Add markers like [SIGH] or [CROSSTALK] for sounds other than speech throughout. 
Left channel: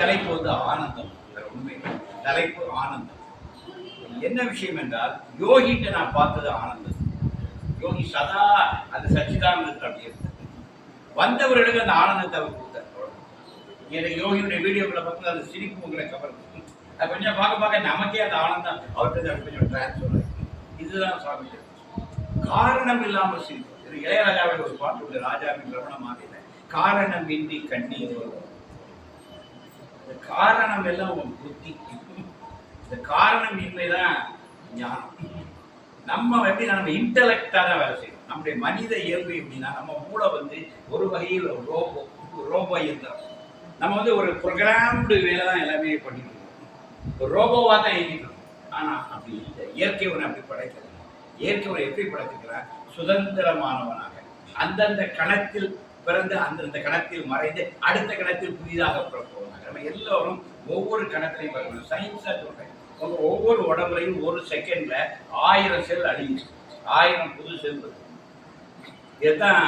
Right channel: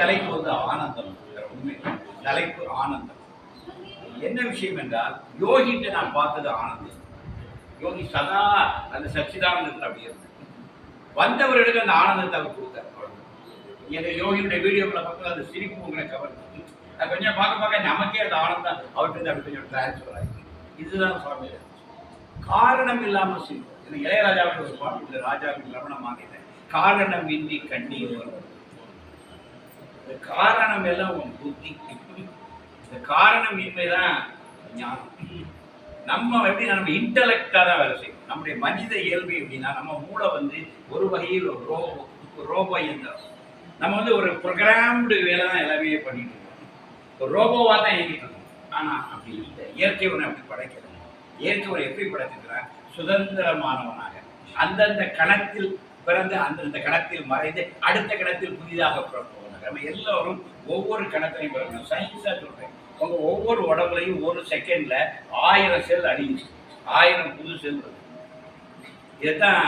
தலைப்பு வந்து ஆனந்தம். ஒண்ணுமே உண்மை தலைப்பு ஆனந்தம். என்ன விஷயம் என்றால் யோகிட்ட நான் பார்த்தது ஆனந்தம். யோகி சதா அந்த சச்சிதானந்தத்தை அப்படி இருந்தார். வந்தவர்களுக்கு அந்த ஆனந்தத்தை அவர் கொடுத்தார். அவ்வளவுதான். யோகியுடைய வீடியோக்களை பார்த்து அந்த சிரிப்பு உங்களை கவர்ந்து அது கொஞ்சம் பார்க்க பார்க்க நமக்கே அந்த ஆனந்தம் அவர்கிட்ட அப்படி கொஞ்சம் டிரான்ஸ்ஃபர் ஆகி. இதுதான் சுவாமி காரணம் இல்லாமல் சிரிப்பு இது இளையராஜாவுடைய ஒரு பாட்டு ராஜாவின் ரமணமாக காரணம் இன்றி கண்ணீர் வரும். இந்த காரணம் எல்லாம் உன் புத்தி இந்த காரணம் இன்மைதான் ஞானம். நம்ம எப்படி நம்ம இன்டலெக்டாக தான் வேலை செய்யணும். நம்முடைய மனித இயல்பு எப்படின்னா நம்ம மூளை வந்து ஒரு வகையில் ஒரு ரோபோ ஒரு ரோபோ இயந்திரம். நம்ம வந்து ஒரு ப்ரோக்ராம்டு வேலை தான் எல்லாமே பண்ணிட்டு இருக்கோம். ஒரு ரோபோவாக தான் இயங்கிட்டு இருக்கோம். ஆனால் அப்படி இல்லை. இயற்கை ஒன்று அப்படி படைக்கிறது இயற்கை ஒரு எப்படி படைச்சிருக்கிறான்? சுதந்திரமானவனாக. அந்தந்த கணத்தில் பிறந்து அந்தந்த கணத்தில் மறைந்து அடுத்த கணத்தில் புதிதாக பிறப்போம் நம்ம எல்லோரும் ஒவ்வொரு கணத்திலையும் பிறக்கணும். சயின்ஸாக சொல்கிறேன் உங்கள் ஒவ்வொரு உடம்புலையும் ஒரு செகண்ட்ல ஆயிரம் செல் அழிஞ்சு ஆயிரம் புது செல் இதுதான்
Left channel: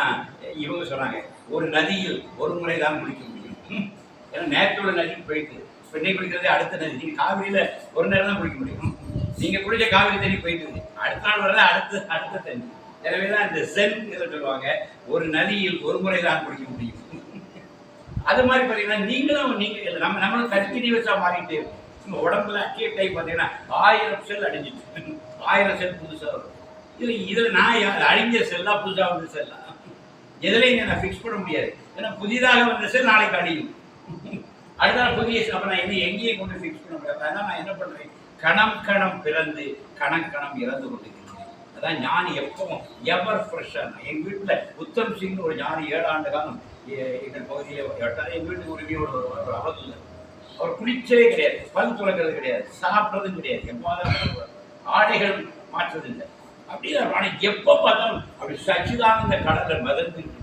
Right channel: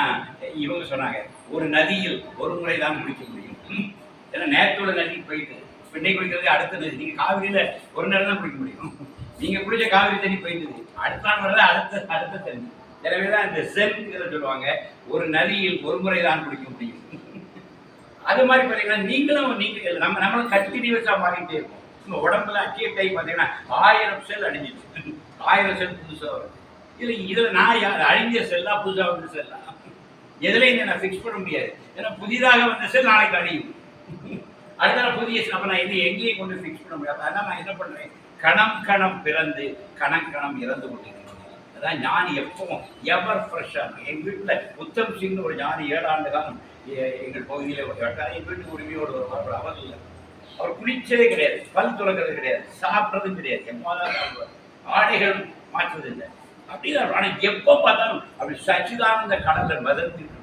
இவங்க சொன்னாங்க. ஒரு நதியில் ஒரு முறை தான் குளிக்க முடியும். ஏன்னா நேற்றோட நதிக்கு போயிட்டு இப்போ இன்னைக்கு குளிக்கிறது அடுத்த நதி. நீங்கள் காவிரியில் ஒரு நேரம் தான் குளிக்க முடியும். நீங்கள் குளிச்ச காவிரி தண்ணி போயிட்டுது அடுத்த நாள் வரதான் அடுத்த அடுத்த தண்ணி. எனவே தான் இந்த செல் சொல்லுவாங்க? ஒரு நதியில் ஒரு முறை தான் குடிக்க முடியும். அது மாதிரி பார்த்தீங்கன்னா நீங்களும் நீங்கள் நம்ம நம்மளும் கண்டினியூஸாக மாறிட்டே இருக்கும் உடம்புல அக்கிய டைம் பார்த்தீங்கன்னா ஆயிரம் செல் அழிஞ்சிச்சு ஆயிரம் செல் புதுசாக வரும். இதில் இதில் நான் யார் அழிஞ்ச செல்லா புதுசாக வந்த செல்லா எதுலையும் நான் ஃபிக்ஸ் பண்ண முடியாது. ஏன்னா புதிதாக வந்த செல் நாளைக்கு அழியும். அடுத்த புதிய அப்போ நான் என்ன எங்கேயும் கொண்டு ஃபிக்ஸ் பண்ண முடியாது. அதனால் நான் என்ன பண்ணுறேன் கணம் கணம் பிறந்து கணம் கணம் இறந்து கொண்டிருக்கேன் அதான் ஞானி எப்பவும் எவர் ஃப்ரெஷ்ஷாக எங்கள் வீட்டில் உத்தம் சிங் ஒரு ஞானி ஏழு ஆண்டு காலம் எங்கள் பகுதியில் வட்டார் எங்கள் வீட்டுக்கு உரிமையோடு வருவார். அவர் இல்லை. அவர் குளிச்சதே கிடையாது. பல் துறக்கிறது கிடையாது. சாப்பிட்றதும் கிடையாது. எம்மாதான் சாப்பிடுவார் ஆடைகள் மாற்றுவதில்லை. இல்லை அப்படிதான் ஆனால் எப்போ பார்த்தாலும் அப்படி சச்சிதானந்த கடலில் மிதந்துட்டு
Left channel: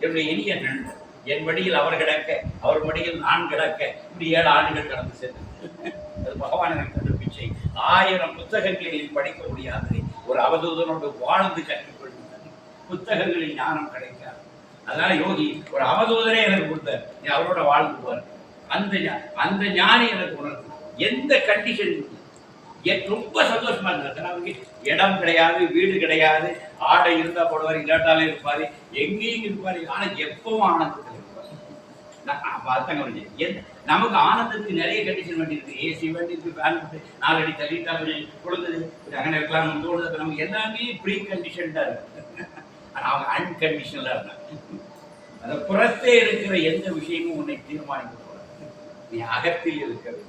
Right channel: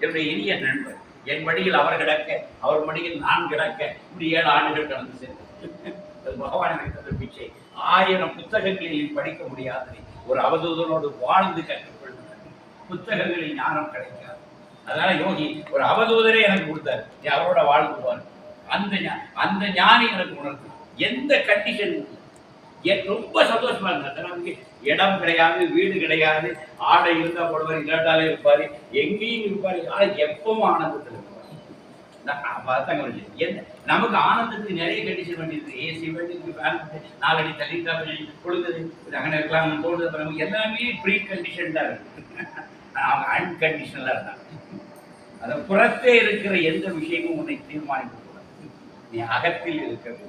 என்னுடைய இனிய நண்பர் என் மடியில் அவர் கிடக்க அவர் மடியில் நான் கிடக்க இப்படி ஏழு ஆண்டுகள் கடந்து சென்று. [LAUGHS] அது பகவான் எனக்கு தந்த பிச்சை. ஆயிரம் புத்தகங்களில் படிக்க முடியாது ஒரு அவதூதனோடு வாழ்ந்து கற்றுக்கொள்ளுங்கள். புத்தகங்களில் ஞானம் கிடைக்காது. அதனால யோகி ஒரு அவதூதனே எனக்கு கொடுத்தார். நீ அவரோட வாழ்ந்துவார் அந்த அந்த ஞானி எனக்கு உணர்த்து எந்த கண்டிஷன் ரொம்ப சந்தோஷமா இருந்தார். நமக்கு இடம் கிடையாது வீடு கிடையாது. ஆடை இருந்தா போடுவார் இல்லாட்டாலே இருப்பாரு. எங்கேயும் இருப்பாரு. ஆனா எப்பவும் ஆனந்தத்தில் எந்த நமக்கு ஆனந்தத்துக்கு நிறைய கண்டிஷன் வேண்டியிருக்கு ஏசி வேண்டியிருக்கு ஃபேன் நாலடி தள்ளிட்டா கொஞ்சம் கொழுந்தது. அங்கே இருக்கலாம் தோணுது அப்புறம் நமக்கு எல்லாமே ப்ரீ கண்டிஷன் தான் இருக்கு. அவங்க அன்கண்டிஷனலாக இருந்தாங்க. அந்த புறத்தே இருக்கிற எந்த விஷயமும் உன்னை தீர்மானிக்க கூடாது. நீ அகத்தில் இருக்க வேண்டும்.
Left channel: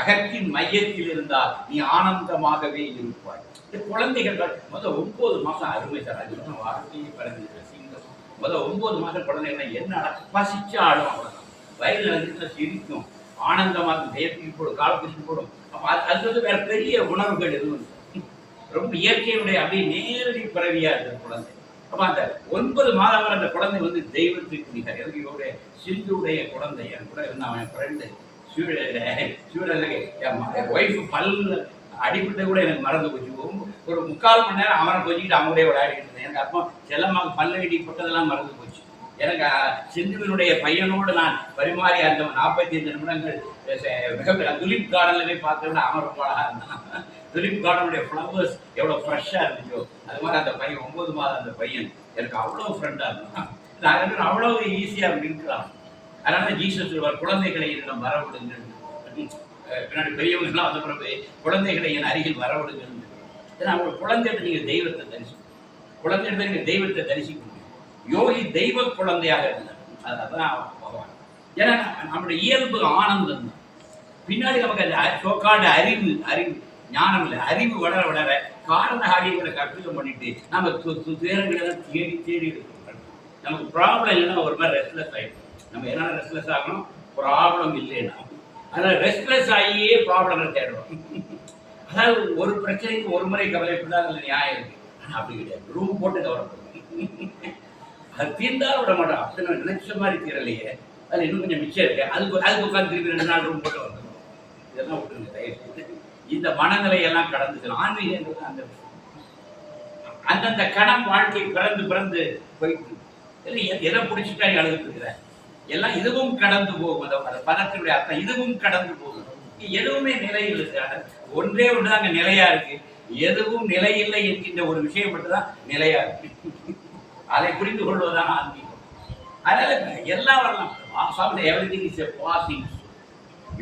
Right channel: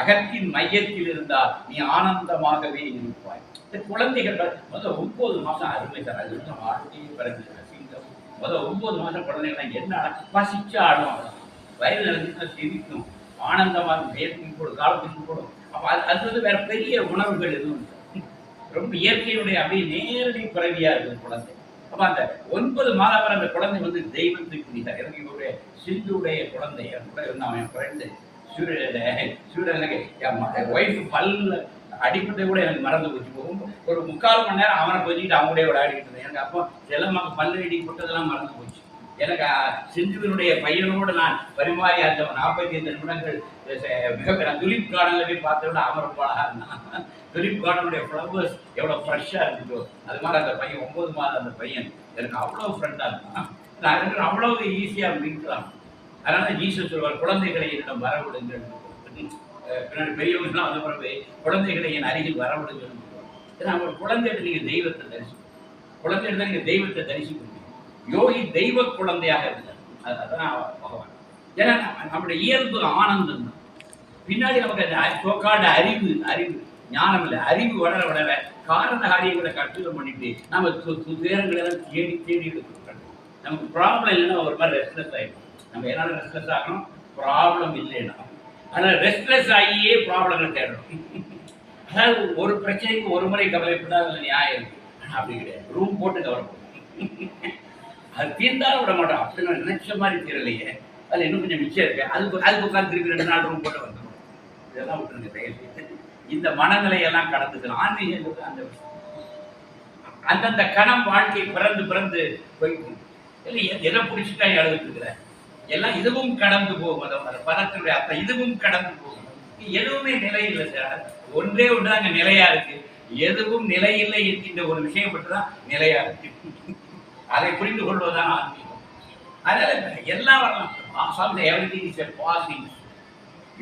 அகத்தின் மையத்தில் இருந்தால் நீ ஆனந்தமாகவே இருப்பாய். இந்த குழந்தைகள் முதல் ஒன்பது மாசம் அருமை சார். அது வந்து வாழ்க்கையே பிறந்தது முதல் ஒன்பது மாத குழந்தைகள் என்ன பசிச்சு ஆடும் அவ்வளோதான் வயது நடந்துச்சுன்னா சிரிக்கும். ஆனந்தமா இருக்கும். வேர்த்தி போடும் கால பிடிச்சி போடும். அப்ப அது அது வந்து வேற பெரிய உணர்வுகள் எதுவும் ரொம்ப இயற்கையுடைய அப்படியே நேரடி பிறவியா இருக்குது குழந்தை. அப்ப அந்த ஒன்பது மாதம் வரை அந்த குழந்தை வந்து தெய்வத்துக்கு பிடித்தார் எனக்கு இவருடைய சிந்துடைய குழந்தை. என் கூட இருந்தான் என் ஃப்ரெண்டு சூழலுக்கு என் ஒய்ஃப் பல்ல அடிப்பட்டு கூட எனக்கு மறந்து போச்சு. ஒரு முக்கால் மணி நேரம் அவனை கொஞ்சிக்கிட்டு அவங்களே விளையாடிட்டு இருந்தேன். எனக்கு அப்போ செல்லமாக பல்லு அடிப்பட்டதெல்லாம் மறந்து போச்சு. எனக்கு சிந்துவினுடைய பையனோடு நான் பரிமாறி அந்த நாற்பத்தி ஐந்து நிமிடங்கள் மிகப்பெரிய துலிப் கார்டனில் போய் பார்த்த விட அவன் ரொம்ப இருந்தான். துலிப் கார்டனுடைய ஃப்ளவர்ஸ் எவ்வளோ ஃப்ரெஷ்ஷாக இருந்துச்சோ அது மாதிரி அந்த பையன் ஒம்பது மாதம் அந்த பையன் எனக்கு அவ்வளோ ஃப்ரெண்டாக இருந்தான். நான் ரெண்டு பேரும் அவ்வளோ ஈஸியாக மின்கலாம் அதனால ஜீசஸ் சொல்வார் குழந்தைகளை என்னிடம் வரவிடுங்கள். பின்னாடி பெரியவங்கலாம் வந்த பிறகு குழந்தைகளை என் அருகில் வரவிடுங்கள் ஏன்னா ஒரு குழந்தைகிட்ட நீங்கள் தெய்வத்தை தரிசிக்கணும். குழந்தைகிட்ட நீங்கள் தெய்வத்தை தரிசிக்கணும். யோகி தெய்வ குழந்தையாக இருந்தார் அது- அதான் பகவான். ஏன்னா நம்முடைய இயல்பு ஆனந்தம் தான். பின்னாடி நமக்கு அந்த சோக்காண்ட அறிவு அறிவு ஞானம் இல்லை அறிவு வளர வளர காரண காரியங்களை கற்றுக்கம் பண்ணிட்டு நம்ம துயரங்களை எல்லாம் தேடி தேடி எடுக்கணும் நமக்கு ப்ராப்ளம் இல்லைன்னா ஒரு மாதிரி ரெஸ்ட்லெஸ் ஆகிடும் நம்ம என்னால் ரெஸ்ட்லெஸ் ஆகணும்? ப்ராப்ளம் இல்லைன்னா. அதனால் ரெஸ்ட்லெஸ் ஆகியே ப்ராப்ளங்களை தேடுறோம். அதாவது ஒரு பிரச்சனைக்கு ஒரு முறை கவலைப்பட்டா அதில் நியாயம் இருக்கு. ஆனால் அப்படி கிடையாது. ரூம் போட்டு கவலைப்படும் அது தீர்ந்தாலும் விட மாட்டோம். அப்படி நான் நினைச்ச மாதிரி தீரலையே. அதில் இன்னும் கொஞ்சம் மிச்சம் இருக்கு. அதுக்கு அதுக்கு உட்காந்து திருப்பி ரெண்டு நாள் ரூம் போட்டு வந்துடும் இதெல்லாம் விட்டுருங்க தயவு செய்து. இந்த மனநிலையெல்லாம் கடந்துக்கணும் ஆன்மீகங்கிறது அந்த அந்தந்த கணம் வாழ்க்கை பிறந்து பிறந்து போயிட்டு இல்லை எதை பிடிச்சிட்டா நீ அழுதுட்டு இருக்கிற? எல்லாம் இதுவும் கடந்து போகும் அந்த அந்த பதத்தினுடைய அர்த்தம் இதுவும் கடந்து போகும் எதுவுமே நிலை இல்லை சார். ஒன்றே ஒன்று அங்கே நிலையா இருக்கு. எதுவும் நிலையில்லை என்கின்ற ஒரு விஷயம் மட்டும்தான் நிலையா இருக்கு. அதை புரிந்து கொள்வதுதான் ஆன்மீகம். அதனால எல்லாம் வரலாம். Everything is a passing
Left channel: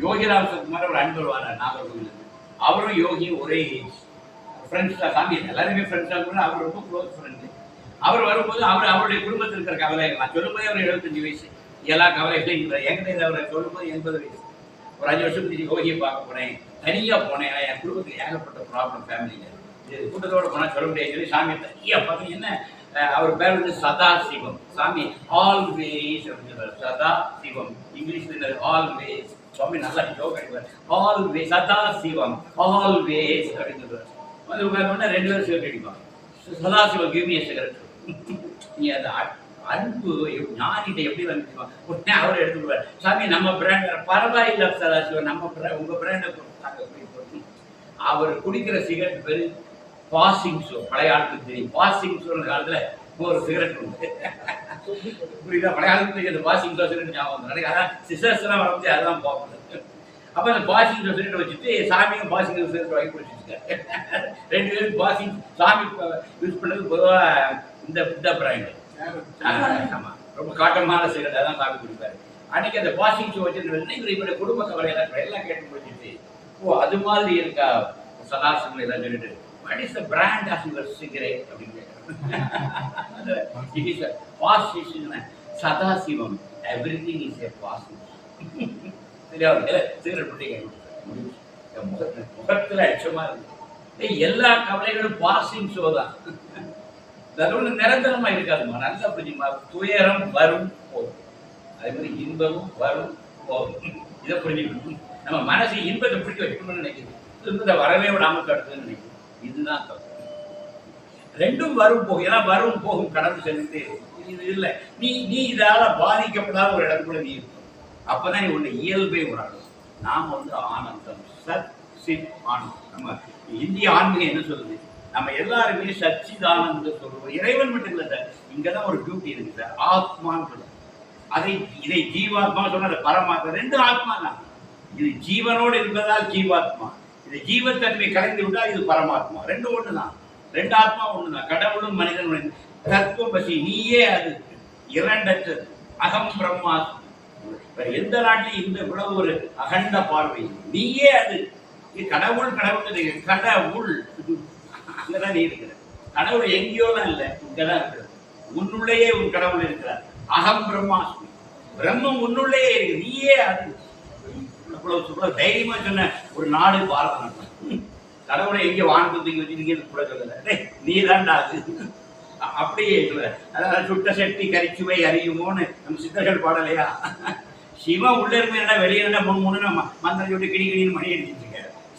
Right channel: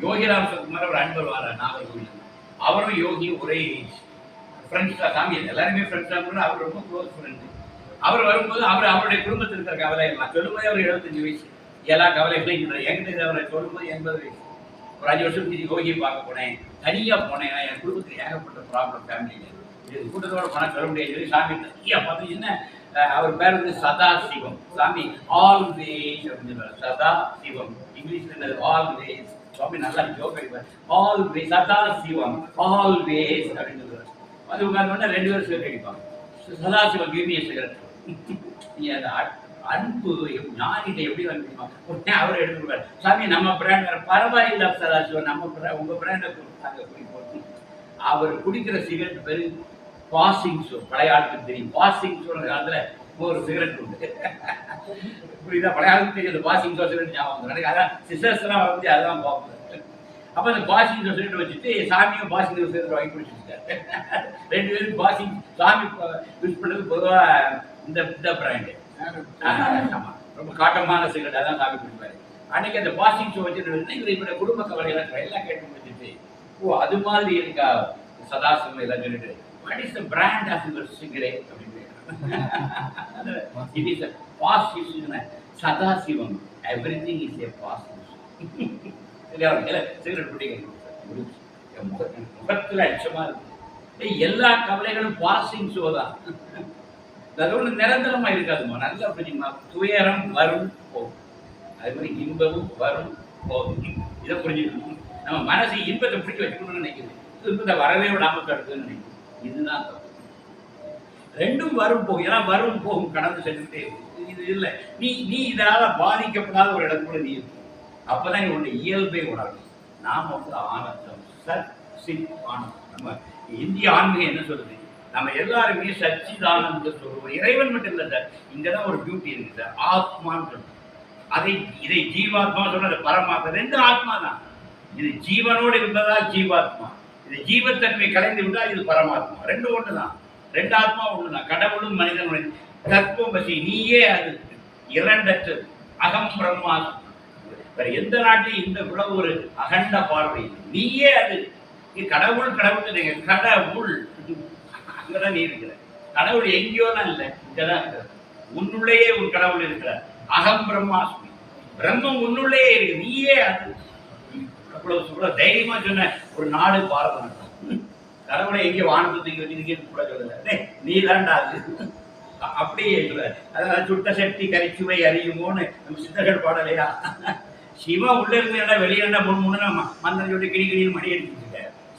Yogiram Sukumar ஒரு அன்பர் வர நாகர்கோவில் அவரும் யோகி ஒரே ஏஜ் ஃப்ரெண்ட்ஸ் தான். சாமி எல்லாருமே ஃப்ரெண்ட்ஸ் தான். கூட அவர் ரொம்ப க்ளோஸ் ஃப்ரெண்டு அவர் வரும்போது அவர் அவருடைய குடும்பத்தில் இருக்கிற கவலை நான் சொல்லும்போது அவர் எழுபத்தஞ்சு வயசு. எல்லா கவலைகளையும் இல்லை எங்கிட்ட அவரை சொல்லும்போது எண்பது வயசு ஒரு அஞ்சு வருஷம் கழிச்சு யோகியை பார்க்க போனேன். தனியாக போனேன். என் குடும்பத்துக்கு ஏகப்பட்ட ப்ராப்ளம் ஃபேமிலியில் இது கூட்டத்தோடு போனால் சொல்ல முடியாது. சொல்லி சாமி தனியாக பார்த்தா என்ன அவர் பேர் வந்து சதா சிவம். சாமி ஆல்வேஸ் அப்படின்னு சதா சிவம். இங்கிலீஷ்ல என்னது? ஆல்வேஸ் சுவாமி நல்லா ஜோக் அடிப்பார். ஆல்வேஸ் சதா சிவம். ஆல்வேஸ் அப்படின்னு சொல்லுவார் வந்து உட்கார்ந்தோடனே ரெண்டு பேரும் சிகரெட் அடிப்பாங்க. சதா சிவம் கிவ் சிகரெட். நீங்கள் அந்த அன்பு எப்- ஞானிட்ட எப்படி வந்து உடனே அவர் எடுத்து சாமி நம்ம பிராண்ட் வேற பரவாயில்ல சதாசிவன் நம்ம brand- உங்க பிராண்டை கொடுத்தாங்க. அப்படி போட்டு அவர் குடிக்கிற சிகரெட் பேரு பாசிங் ஷோ பழைய ஆளுக்கு தெரியும். பாசிங் ஷோ காலத்துல ஒரு சிகரெட் உண்டு. [LAUGHS] புரியுதா? பழைய ஆளுக்கு அந்த பாசிங் ஷோ சிகரெட் ஞாபகம் வந்து அதான் சிஸ்டர்ஸ் எல்லாம் வந்து அதுதான் பார்ப்பது அப்ப அந்த பாசிங் ஷோ சிகரெட் வச்சுட்டு சாமியும் பாசிங் ஷோ சிகரெட் வாங்கி குடிச்சிருக்காரு. [LAUGHS] ரெண்டு பேரும் பாசிங் சாமி யூஸ் பண்ணது பொதுவா இந்த இந்த பிராண்டு ரொம்ப காட்டமான சிகரெட் அதான் காப்பி குடிப்பாரு. அன்னைக்கு அந்த வாஷிங் ஷோ வச்சுட்டு இவர் இவருடைய குடும்ப கவலை எல்லாம் கேட்டு முடிச்சுட்டு ஓ அது மாதிரி இருக்கா? சதாசிவம் எல்லாம் சொல்லிட்டு what is the brand of your cigarette அப்படின்னு கேட்குறாங்க it is position Sadasivam. Everything is a position cigarette பிடிக்க முடிஞ்சு என் இருக்கு. எல்லா கவலைகளும் பாசிங் ஷோ தான். அது ஒன்று நிரந்தரமா இருக்காதுமா நல்ல புரியுமா? துயரம் வரும் போகும். அதே மாதிரி இன்பமும் வரும் போகும். இதை புரிஞ்சுக்கணும். நம்ம மனசு இன்பத்தை பிடிச்சி வைக்கணும்னு நினைக்குது. இன்பத்தை வரவே விடாமல் கட்டுதுன்னு நினைக்குது. இதுதான் தப்பு. ரெண்டும் வரும் போகும். ஏன்னா வரும் போகும் கடந்து சென்றுட்டே இருக்கும். இது இல்லை. நீ நீ இதால பாதிக்கப்படாத ஒரு இடத்துக்குள்ள நீ இருக்கும் அப்பதான் நீ உன்னை இயல்பை உணரும் நாம வந்து ஆனந்தம். சத் சித் ஆனந்தம். நம்ம இந்திய ஆன்மீகம் என்ன சொல்லுது? நம்ம எல்லாருமே சச்சிதானந்த சொல்லுவோம் இறைவன் மட்டும் இல்லை சார். இங்கதான் ஒரு பியூட்டி இருக்கு சார். ஆத்மான்னு சொல்லுவோம் அதை இதை ஜீவாத்மா சொன்னது பரமாத்மா. ரெண்டு ஆத்மா தான். இது ஜீவனோடு இருந்ததால் ஜீவாத்மா. இது ஜீவத்தன்மை கலைந்து விட்டால் இது பரமாத்மா. ரெண்டு ஒன்று தான். ரெண்டு ஆத்மா ஒன்று தான். கடவுளும் மனிதனும். தத்துவபசி நீயே அது. இரண்டற்றது அகம் பிரம்மாஸ்மி. வேற எந்த நாட்டிலையும் இந்த இவ்வளவு ஒரு அகண்ட பார்வை. நீயே அது. கடவுள் கடவுள். கடவுள். நீங்க கடவுள் அங்கதான் நீ இருக்கிற கடவுள் எங்கேயோலாம் இல்லை இங்கதான் இருக்கிறது உன்னுள்ளேயே உன் கடவுள் இருக்கிறார். அகம் பிரம்மாஸ்மி. பிரம்மம் உன்னுள்ளேயே இருக்கு நீயே அது. இவ்வளவு தைரியமா சொன்ன ஒரு நாடு பாரத நாடு கடவுளை எங்கே வானத்துக்கு தூக்கி கூட சொல்லல. நீ தான்டா அது. அப்படியே சொல்ல அதான் சுட்ட சக்தி கரிச்சுவை அறியுமோன்னு நம்ம சித்தர்கள் பாடலையா? சிவன் உள்ள இருந்தா வெளியே என்ன மூணு மூணு மந்திரம் சொல்லி கிடி கிடின்னு மணி அடிச்சிட்டு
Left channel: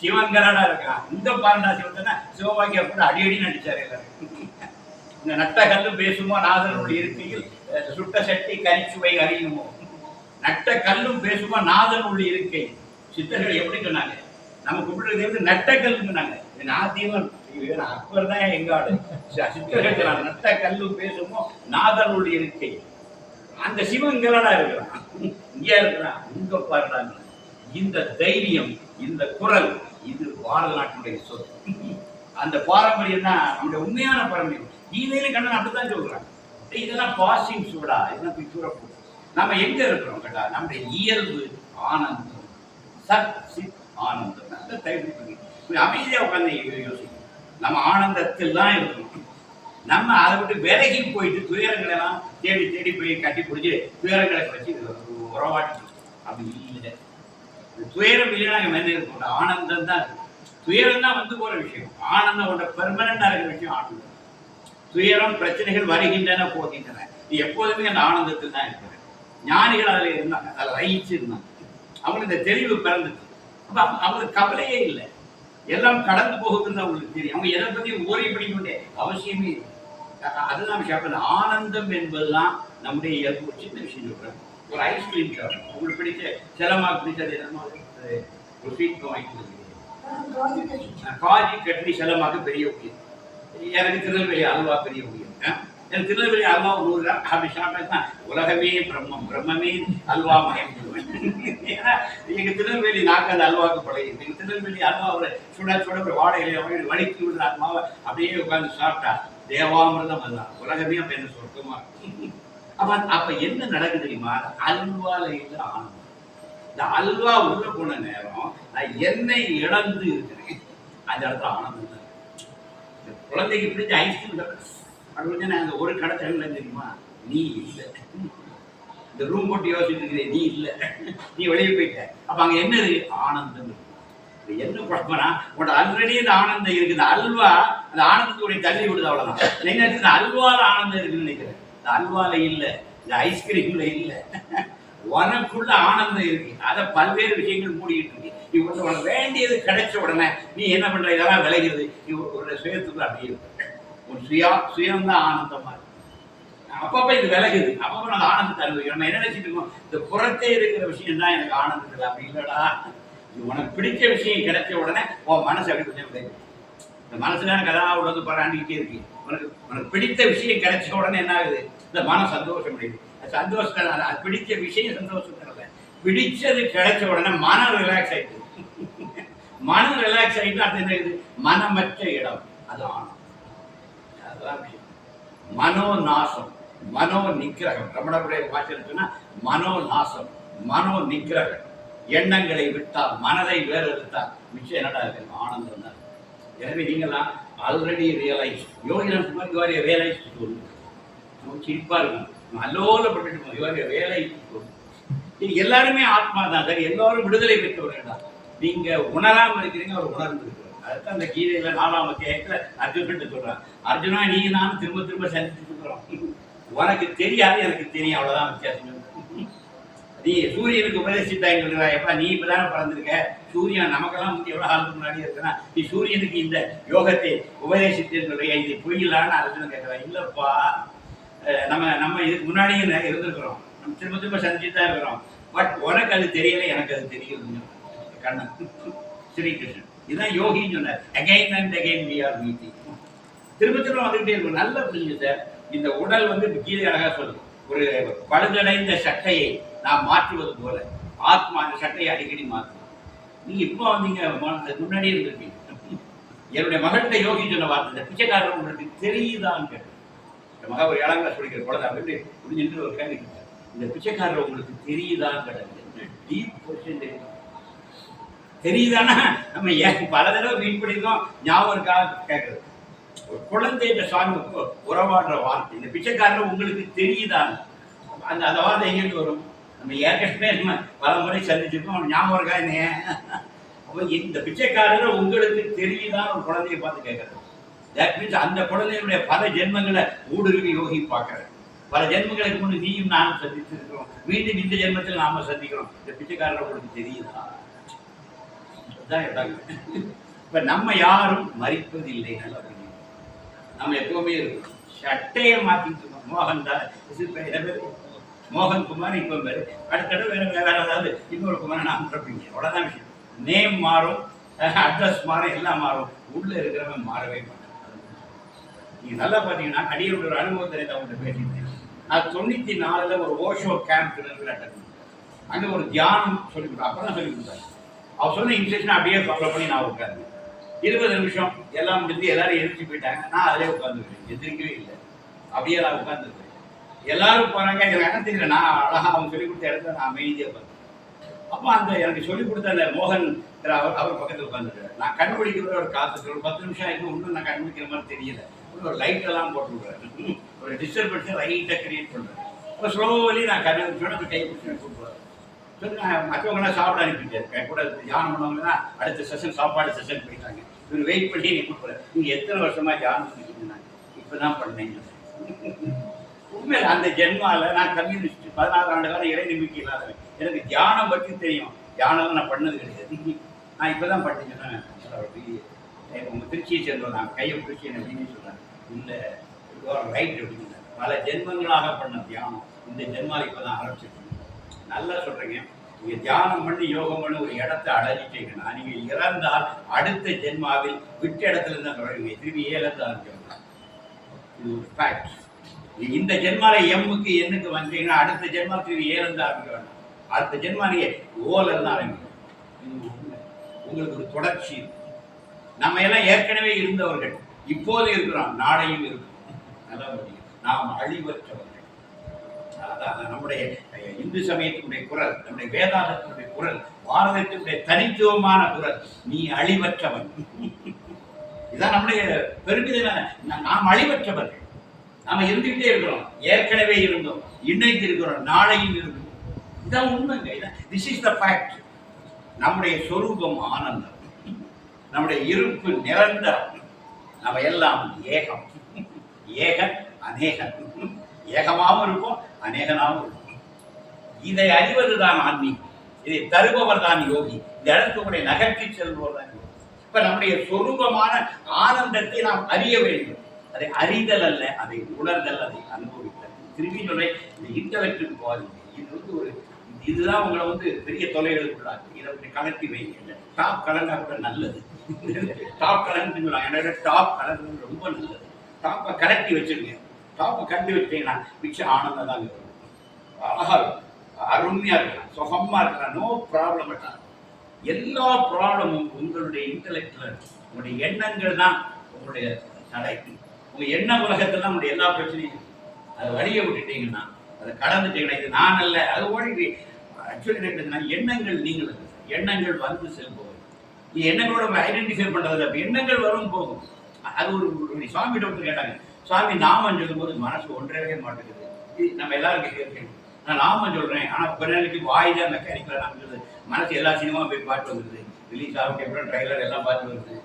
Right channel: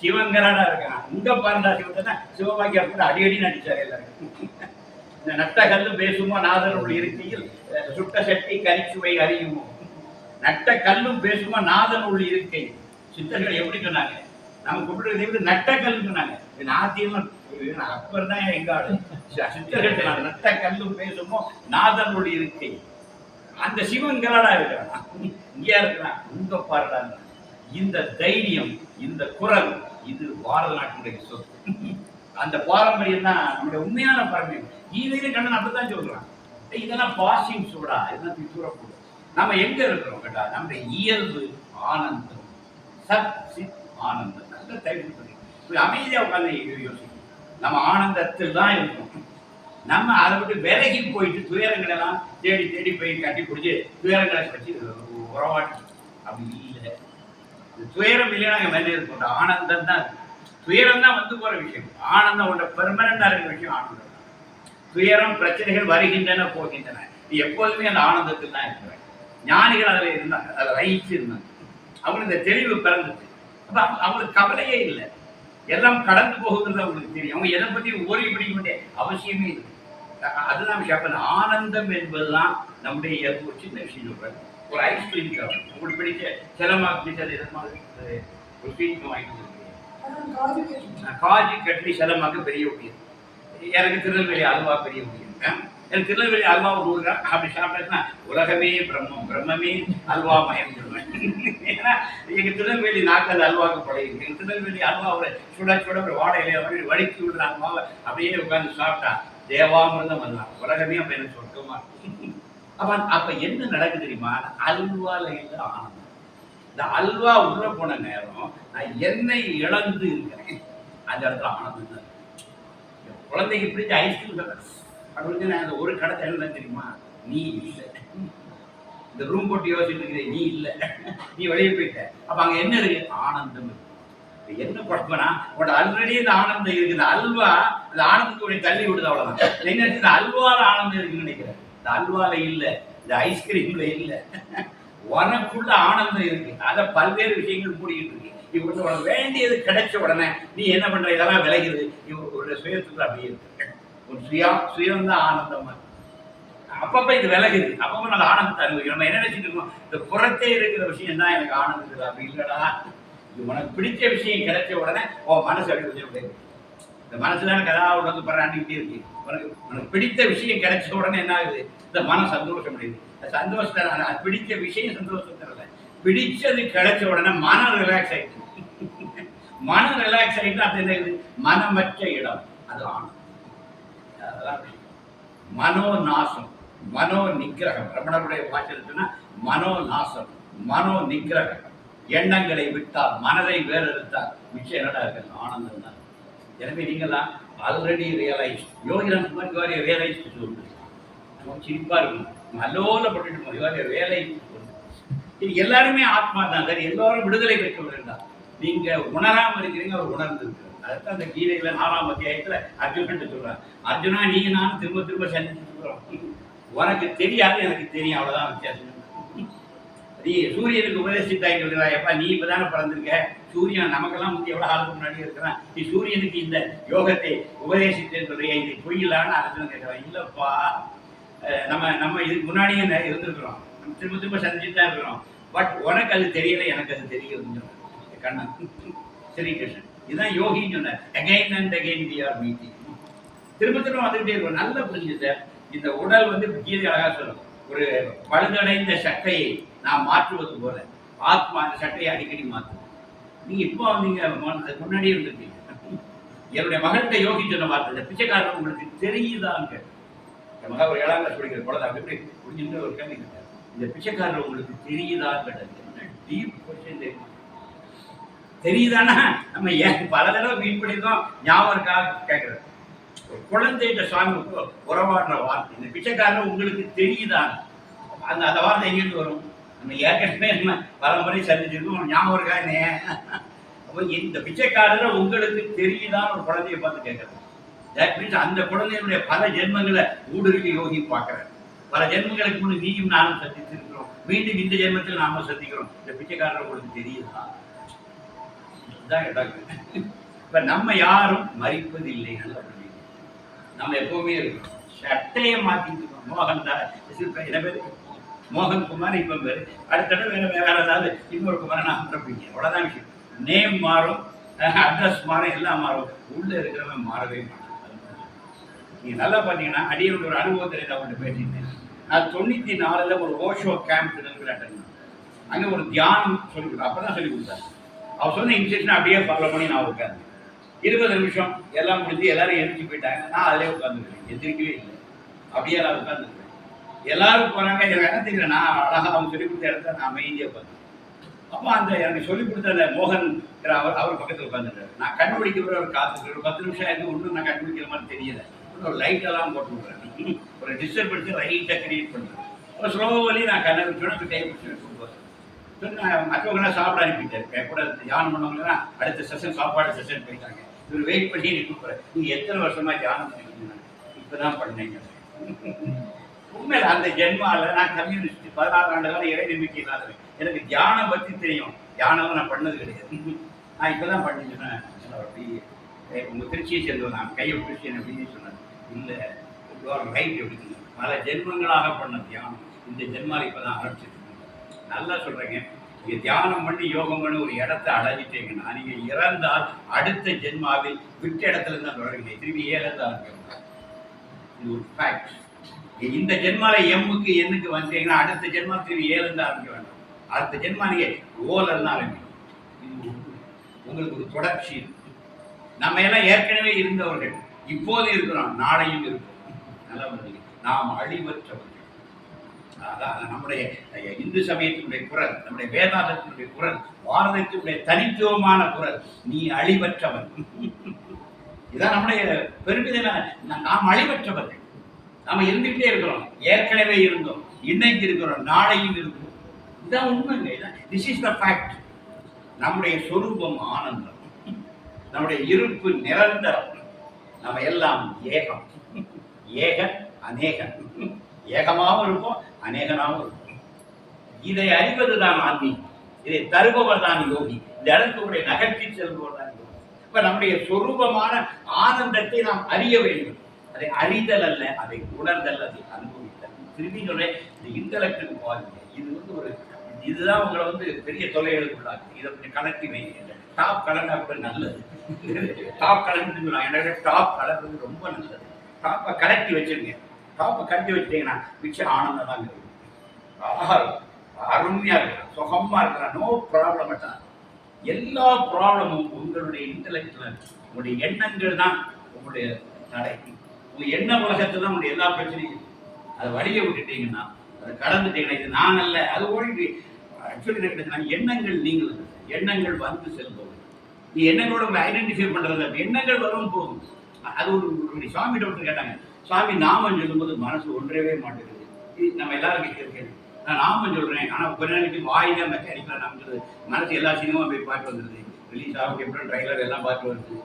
சிவங்கராடா இருக்கான். இந்த பாருடா சிவத்தனா சிவபாக்கியா கூட அடியடி நடிச்சார் எல்லாரும். இந்த நட்ட கல்லு பேசுமோ நாதனுடைய இருக்கையில் சுட்ட சட்டி கரிச்சுவை அறியுமோ? நட்ட கல்லும் பேசுமோ நாதனுடைய இருக்கை? சித்தர்கள் எப்படி சொன்னாங்க? நம்ம கும்பிடுறது வந்து நட்ட கல்லுன்னு சொன்னாங்க. இது நாத்தியம் அப்பர் தான் எங்க ஆளு. சித்தர்கள் நட்ட கல்லும் பேசுமோ நாதனுடைய இருக்கை? அந்த சிவன் இங்கலடா இருக்கிறான் இங்கே இருக்கிறான் உங்க பாருடா. இந்த தைரியம் இந்த குரல் இது பாரத நாட்டினுடைய சொத்து. அந்த பாரம்பரியம் தான் நம்முடைய உண்மையான பாரம்பரியம். கீதையில கண்ணன் அப்படித்தான் சொல்றான் இதெல்லாம் பாசிங் சூடா. இதெல்லாம் தூரப்போடு நம்ம எங்க இருக்கிறோம் கேட்டா? நம்முடைய இயல்பு ஆனந்தம். சத் சித் ஆனந்தம். நல்ல தைரியம் பண்ணி. அமைதியாக அமைதியா உட்கார்ந்து யோசிக்கணும் நம்ம ஆனந்தத்தில் தான் இருக்கணும் நம்ம அதை விட்டு விலகி போயிட்டு துயரங்களை எல்லாம் தேடி தேடி போய் கட்டி பிடிச்சி துயரங்களை வச்சு உறவாட்டி அப்படி இல்லை துயரம் இல்லைன்னா நாங்கள் மேலே இருக்கும் ஆனந்தம் தான் இருக்கு. துயரம் தான் வந்து போற விஷயம். ஆனந்தம் ஒன்ற பெர்மனண்டாக இருக்கிற விஷயம் ஆனந்தம். துயரம் பிரச்சனைகள் வருகின்றன போகின்றன. நீ எப்போதுமே அந்த ஆனந்தத்தில் தான் இருக்கிறேன் ஞானிகள் அதில் இருந்தாங்க. அதில் ரயிச்சு இருந்தாங்க. அவங்களுக்கு இந்த தெளிவு பிறந்துச்சு. அப்போ அவங்க- அவங்களுக்கு கவலையே இல்லை. எல்லாம் கடந்து போகுதுன்னு அவங்களுக்கு தெரியும். அவங்க எதை பத்தி ஓரி பிடிக்க வேண்டிய அவசியமே இல்லை. அதுதான் கேட்பேன் ஆனந்தம் என்பதுதான் நம்முடைய இயல்பு. ஒரு சின்ன விஷயம் சொல்கிறேன் ஒரு ஐஸ்கிரீம் சாப்பிடும் உங்களுக்கு பிடிச்ச சிலமா பிடிச்சது என்னமா ஒரு ஸ்வீட் வாங்கிட்டு வந்துருக்கீங்க காஜி கட்லி செலமாக்கு பெரிய முடியும் எனக்கு திருநெல்வேலி அல்வா பெரிய முடியும் எனக்கு திருநெல்வேலி அல்வா ஒரு ஊர் தான் அப்படி சாப்பிட்டா உலகமே பிரம்மம் பிரம்மமே அல்வா மயம் சொல்லுவேன். ஏன்னா எங்க திருநெல்வேலி நாக்கு அல்வாக்கு அல்வாவுக்கு எங்க திருநெல்வேலி அல்வாவை சுட சுட ஒரு வாடையில அப்படி வடிக்கி விடுற அல்வாவை அப்படியே உட்கார்ந்து சாப்பிட்டா தேவாமிரதம் அதுதான் உலகமே அப்ப எனக்கு சொர்க்கமா இருக்கும். அவன் அப்ப என்ன நடக்குது தெரியுமா? அல்வால இல்ல ஆனந்தம் இந்த அல்வா உள்ள போன நேரம் நான் என்னை இழந்து இருக்கிறேன். அந்த இடத்துல ஆனந்தம் தான் இந்த குழந்தைக்கு பிடிச்ச ஐஸ்கிரீம் அப்படின்னு நான் அந்த ஒரு கடை என்ன தெரியுமா? நீ இல்லை. இந்த ரூம் போட்டு யோசிச்சுட்டு இருக்கிற நீ இல்லை. நீ வெளியே போயிட்ட. அப்ப அங்க என்ன இருக்கு? ஆனந்தம் இருக்கு. என்ன குழப்பம்னா உன்ட ஆல்ரெடி இந்த ஆனந்தம் இருக்கு. இந்த அல்வா அந்த ஆனந்தத்துடைய தள்ளி விடுது அவ்வளவுதான். என்ன இந்த அல்வால ஆனந்தம் இருக்குன்னு நினைக்கிறேன். இந்த அல்வால இல்ல இந்த ஐஸ்கிரீம்ல இல்ல. உனக்குள்ள ஆனந்தம் இருக்கு. அதை பல்வேறு விஷயங்கள் மூடிக்கிட்டு இருக்கு. இவங்க வேண்டியது கிடைச்ச உடனே நீ என்ன பண்ற? இதெல்லாம் விளைகிறது. இவருடைய சுயத்துக்குள்ள அப்படியே இருக்கு. உன் சுயா சுயம்தான் ஆனந்தமா இருக்கு. அப்பப்ப இது விலகுது. அப்பப்ப நான் ஆனந்தத்தை அனுபவிக்கிறோம் நம்ம என்ன நினைச்சிட்டு இருக்கோம்? இந்த புறத்தே இருக்கிற விஷயம் தான் எனக்கு ஆனந்தம் இல்லை அப்படி இல்லடா. இது உனக்கு பிடிச்ச விஷயம் கிடைச்ச உடனே உன் மனசு அப்படி கொஞ்சம் விலகுது. இந்த மனசுல எனக்கு ஏதாவது உடந்து பராண்டிக்கிட்டே இருக்கு. உனக்கு உனக்கு பிடித்த விஷயம் கிடைச்ச உடனே என்ன ஆகுது? இந்த மனம் சந்தோஷம் அடையுது. சந்தோஷத்தை அது- பிடித்த விஷயம் சந்தோஷம் பிடிச்சது கிடைச்ச உடனே மனம் ரிலாக்ஸ் ஆயிடுது. [LAUGHS] மனம் ரிலாக்ஸ் ஆயிட்டு அது என்ன ஆகுது மனமற்ற இடம். அது ஆனந்தம். அதெல்லாம் மனோ நாசம் மனோ நிக்கிரகம் ரமணருடைய வாசல் மனோ நாசம் மனோ நிக்கிரகம் எண்ணங்களை விட்டால் மனதை வேறு எடுத்தால் விஷயம் என்னடா இருக்கு ஆனந்தம் தான் எனவே நீங்களாம் ஆல்ரெடி ரியலைஸ் யோகிராம் குமார் யுவாரிய ரியலைஸ் சொல்லு நமக்கு சிரிப்பா இருக்கும் அல்லோலப்பட்டு யுவாரிய வேலை சொல்லு இது எல்லாருமே ஆத்மா தான். சரி எல்லோரும் விடுதலை பெற்றவர்கள் தான். நீங்கள் உணராமல் இருக்கிறீங்க அவர் உணர்ந்து அதுதான் அந்த கீதையில் நாலாம் அத்தியாயத்தில் அர்ஜுனன் சொல்கிறான் அர்ஜுனா நீங்க நானும் திரும்ப திரும்ப சந்திச்சுட்டு இருக்கிறோம் உனக்கு தெரியாது எனக்கு தெரியும். அவ்வளோதான் வித்தியாசம். நீ சூரியனுக்கு உபதேசித்தாங்க சொல்றா எப்பா நீ இப்பதானே பிறந்திருக்க? சூரியன் நமக்கெல்லாம் முந்தைய எவ்வளவு ஆளுக்கு முன்னாடி இருக்கிறான்? நீ சூரியனுக்கு இந்த யோகத்தை உபதேசித்தேன்னு சொல்றியா? இது பொய்யிலான்னு அர்ஜுனன் கேட்கிறான். இல்லப்பா நம்ம நம்ம இதுக்கு முன்னாடியே இருந்திருக்கிறோம். நம்ம திரும்ப திரும்ப சந்திச்சுட்டு தான் இருக்கிறோம். பட் உனக்கு அது தெரியல எனக்கு அது தெரியுதுன்னு கண்ணன் ஸ்ரீகிருஷ்ணன் இதுதான் யோகின்னு சொன்னார். Again and again we are meeting திரும்ப திரும்ப வந்துகிட்டே இருக்கும். நல்லா புரிஞ்சுது இந்த உடல் வந்து கீழே அழகாக சொல்லும் ஒரு பழுதடைந்த சட்டையை நாம் மாற்றுவது போல ஆத்மா அந்த சட்டையை அடிக்கடி மாற்றும் நீங்க இப்போ வந்தீங்க அதுக்கு முன்னாடியே இருந்திருப்பீங்க என்னுடைய மகன்கிட்ட யோகி சொன்ன வார்த்தை இந்த பிச்சைக்காரன் உங்களுக்கு தெரியுதான்னு கேட்டேன். இந்த மகா ஒரு ஏழாம் கிளாஸ் படிக்கிற குழந்தை அப்படி புரிஞ்சுட்டு ஒரு கேள்வி கேட்டார். இந்த பிச்சைக்காரர் உங்களுக்கு தெரியுதான்னு கேட்டது டீப் கொஸ்டின் தெரியும் தெரியுதானா நம்ம ஏன் பல தடவை மீட் பண்ணியிருக்கோம் ஞாபகம் இருக்கா? கேட்கறது. குழந்தைகிட்ட சாமி உறவாடுற வார்த்தை. இந்த பிச்சைக்காரன் உங்களுக்கு தெரியுதான் அந்த அந்த வார்த்தை எங்கேருந்து வரும்? நம்ம ஏற்கனவே நம்ம பல முறை சந்திச்சிருக்கோம். ஞாபகம் இருக்கா என்ன அப்போ இந்த பிச்சைக்காரர் உங்களுக்கு தெரியுதான் ஒரு குழந்தைய பார்த்து கேட்கறது தட் மீன்ஸ் அந்த குழந்தையினுடைய பல ஜென்மங்களை ஊடுருவி யோகி பார்க்கறது பல ஜென்மங்களுக்கு முன் நீயும் நானும் சந்தித்திருக்கிறோம். மீண்டும் இந்த ஜென்மத்தில் நாம சந்திக்கிறோம். இந்த பிச்சைக்காரர் உங்களுக்கு தெரியுதா? இதுதான் இடம் இப்போ நம்ம யாரும் மறிப்பதில்லை நல்லா நம்ம எப்பவுமே இருக்கோம். சட்டையை மாத்திட்டு இருக்கோம். மோகன் தான் என்ன பேர் மோகன் குமார் இப்போ பேர் அடுத்த தடவை வேற வேற ஏதாவது இன்னொரு குமாரை நான் பிறப்பீங்க அவ்வளோதான் விஷயம். நேம் மாறும். அட்ரஸ் மாறும். எல்லாம் மாறும். உள்ளே இருக்கிறவன் மாறவே மாட்டான். நீங்கள் நல்லா பார்த்தீங்கன்னா அடியோட ஒரு அனுபவத்தை நான் அவங்கள்ட்ட பேசியிருந்தேன். நான் தொண்ணூற்றி நாலில் ஒரு ஓஷோ கேம்ப் அட்டன் அங்கே ஒரு தியானம் சொல்லி கொடுத்தா அப்பதான் சொல்லி கொடுத்தாரு. அவர் சொன்ன இன்ஸ்ட்ரக்ஷன் அப்படியே ஃபாலோ பண்ணி நான் உட்கார்ந்தேன். இருபது நிமிஷம் எல்லாம் முடிஞ்சு எல்லாரும் எழுச்சி போயிட்டாங்க நான் அதிலே உட்காந்துருக்கேன் எந்திரிக்கவே இல்லை. அப்படியே நான் உட்காந்துருக்கேன் எல்லாரும் போறாங்க. எனக்கு என்ன தெரியல நான் அழகாக அவங்க சொல்லி கொடுத்த இடத்துல நான் அமைதியாக உட்காந்துருக்கேன் அப்போ அந்த எனக்கு சொல்லி கொடுத்த அந்த மோகன் அவர் அவர் பக்கத்தில் உட்காந்துருக்காரு நான் கண்டுபிடிக்கிற ஒரு காத்து ஒரு பத்து நிமிஷம் ஆயிருக்கு. ஒன்றும் நான் கண்டுபிடிக்கிற மாதிரி தெரியல. ஒரு லைட் எல்லாம் போட்டு விடுறேன் ஒரு டிஸ்டர்பன்ஸை லைட்டாக கிரியேட் பண்ணுறேன் அப்போ ஸ்லோவலி நான் கண்ணை வச்சோட அப்படி கை பிடிச்சி கூப்பிடுவேன் சரி நான் மற்றவங்களாம் சாப்பிட அனுப்பிட்டேன் என் கூட தியானம் பண்ணவங்களாம் அடுத்த செஷன் சாப்பாடு செஷன் போயிட்டாங்க. இவர் வெயிட் பண்ணி நீ கூப்பிடுற நீங்கள் எத்தனை வருஷமாக தியானம் இப்போ தான் பண்ணேன் உண்மை அந்த ஜென்மாவில் நான் கம்யூனிஸ்ட் பதினாறு ஆண்டு காலம் இறை நம்பிக்கை இல்லாதவன். எனக்கு தியானம் பற்றி தெரியும். தியானம் நான் பண்ணது கிடையாது. நான் இப்பதான் பண்ணிக்கிறேன் அப்படி ஏய், உங்கள் திருச்சியை சேர்ந்தோம் நான் கையை பிடிச்சி என்ன அப்படின்னு சொன்னேன். இல்லை ரைட் அப்படின்னு பல ஜென்மங்களாக பண்ண தியானம். இந்த ஜென்மாவில் இப்போ தான் ஆரம்பிச்சிருக்கேன். நல்லா சொல்கிறேங்க நீங்கள் தியானம் பண்ணி யோகம் பண்ணி ஒரு இடத்த அடைஞ்சிட்டீங்கன்னா நீங்கள் இறந்தால் அடுத்த ஜென்மாவில் விட்ட இடத்துல இருந்தால் தொடருவீங்க. திரும்பி ஏழத்தை ஆரம்பிக்கணும் இது ஒரு ஃபேக்ட் இந்த ஜென்மாவில் எம்முக்கு எண்ணுக்கு வந்தீங்கன்னா அடுத்த ஜென்மாக்கு ஏழுந்து ஆரம்பிக்க வேண்டாம். அடுத்த ஜென்மா நீங்கள் ஓலன்னு ஆரம்பிக்கும் இது உண்மை. உங்களுக்கு ஒரு தொடர்ச்சி நம்ம எல்லாம் ஏற்கனவே இருந்தவர்கள். இப்போது இருக்கிறோம். நாளையும் இருக்கும் நல்லா பார்த்தீங்க நாம் அழிவற்றவர்கள். அதான் நம்முடைய இந்து சமயத்தினுடைய குரல் நம்முடைய வேதாந்தத்தினுடைய குரல் பாரதத்தினுடைய தனித்துவமான குரல் நீ அழிவற்றவன். இதான் நம்முடைய பெருமிதம் நாம் அழிவற்றவர்கள். நாம் இருந்துகிட்டே இருக்கிறோம் ஏற்கனவே இருந்தோம் இன்னைக்கு இருக்கிறோம் நாளையும் இருக்கும். இதான் உண்மைங்க இதான் திஸ் இஸ் த ஃபேக்ட் நம்முடைய சொரூபம் ஆனந்தம் நம்முடைய இருப்பு நிரந்தரம் நம்ம எல்லாம் ஏகம் ஏக அநேகம் ஏகமாகவும் இருக்கும் அநேகனாகவும் இருக்கும். இதை அறிவது தான் ஆன்மீகம். இதை தருபவர் தான் யோகி. இந்த இடத்துக்குடைய நகர்த்தி செல்பவர் தான் யோகி. இப்ப நம்முடைய சொரூபமான ஆனந்தத்தை நாம் அறிய வேண்டும். அதை அறிதல் அல்ல அதை உணர்தல் அதை அனுபவித்தல். திரும்பி இந்த இன்டலெக்டுக்கு பாருங்க. இது வந்து ஒரு இதுதான் உங்களை வந்து பெரிய தொலைகளுக்குள்ளாக்கு இதை கொஞ்சம் கலட்டி வைங்க டாப் கலண்டா கூட நல்லது. [LAUGHS] டாப் கலந்துன்னு சொல்லுவாங்க என்னோட டாப் கலர் வந்து ரொம்ப நல்லது. டாப்பை கலட்டி வச்சிருங்க. டாப்பை கட்டி வச்சிட்டீங்கன்னா மிச்சம் ஆனந்தம் தான் இருக்கும் அழகா இருக்கும் அருமையா இருக்கலாம் சுகமா இருக்கலாம் நோ ப்ராப்ளம் எல்லா ப்ராப்ளமும் உங்களுடைய இன்டலெக்டில் உங்களுடைய எண்ணங்கள் தான் உங்களுடைய தடை. உங்க எண்ண உலகத்தில் தான் உங்களுடைய எல்லா பிரச்சனையும் அதை வழியை விட்டுட்டீங்கன்னா அதை கடந்துட்டீங்கன்னா இது நான் அல்ல. அது ஓடி ஆக்சுவலி என்ன கிடைச்சுன்னா எண்ணங்கள் நீங்கள் எண்ணங்கள் வந்து செல்பவை நீ எண்ணங்களோட உங்களை ஐடென்டிஃபை பண்ணுறது எண்ணங்கள் வரும் போகும். அது ஒரு ஒரு சுவாமிகிட்ட ஒருத்தர் கேட்டாங்க. சாமி நாமம் சொல்லும்போது மனசு ஒன்றவே மாட்டேங்குது. இது நம்ம எல்லாரும் கேட்க நான் நாமம் சொல்கிறேன் ஆனால் கொஞ்ச நாளைக்கு வாய் தான் மெக்கானிக்கலா நாம மனசு எல்லா சினிமா போய் பாட்டு வந்துடுது ரிலீஸ் ஆகும் எப்பறம் ட்ரைலர் எல்லாம் பாட்டு வருது.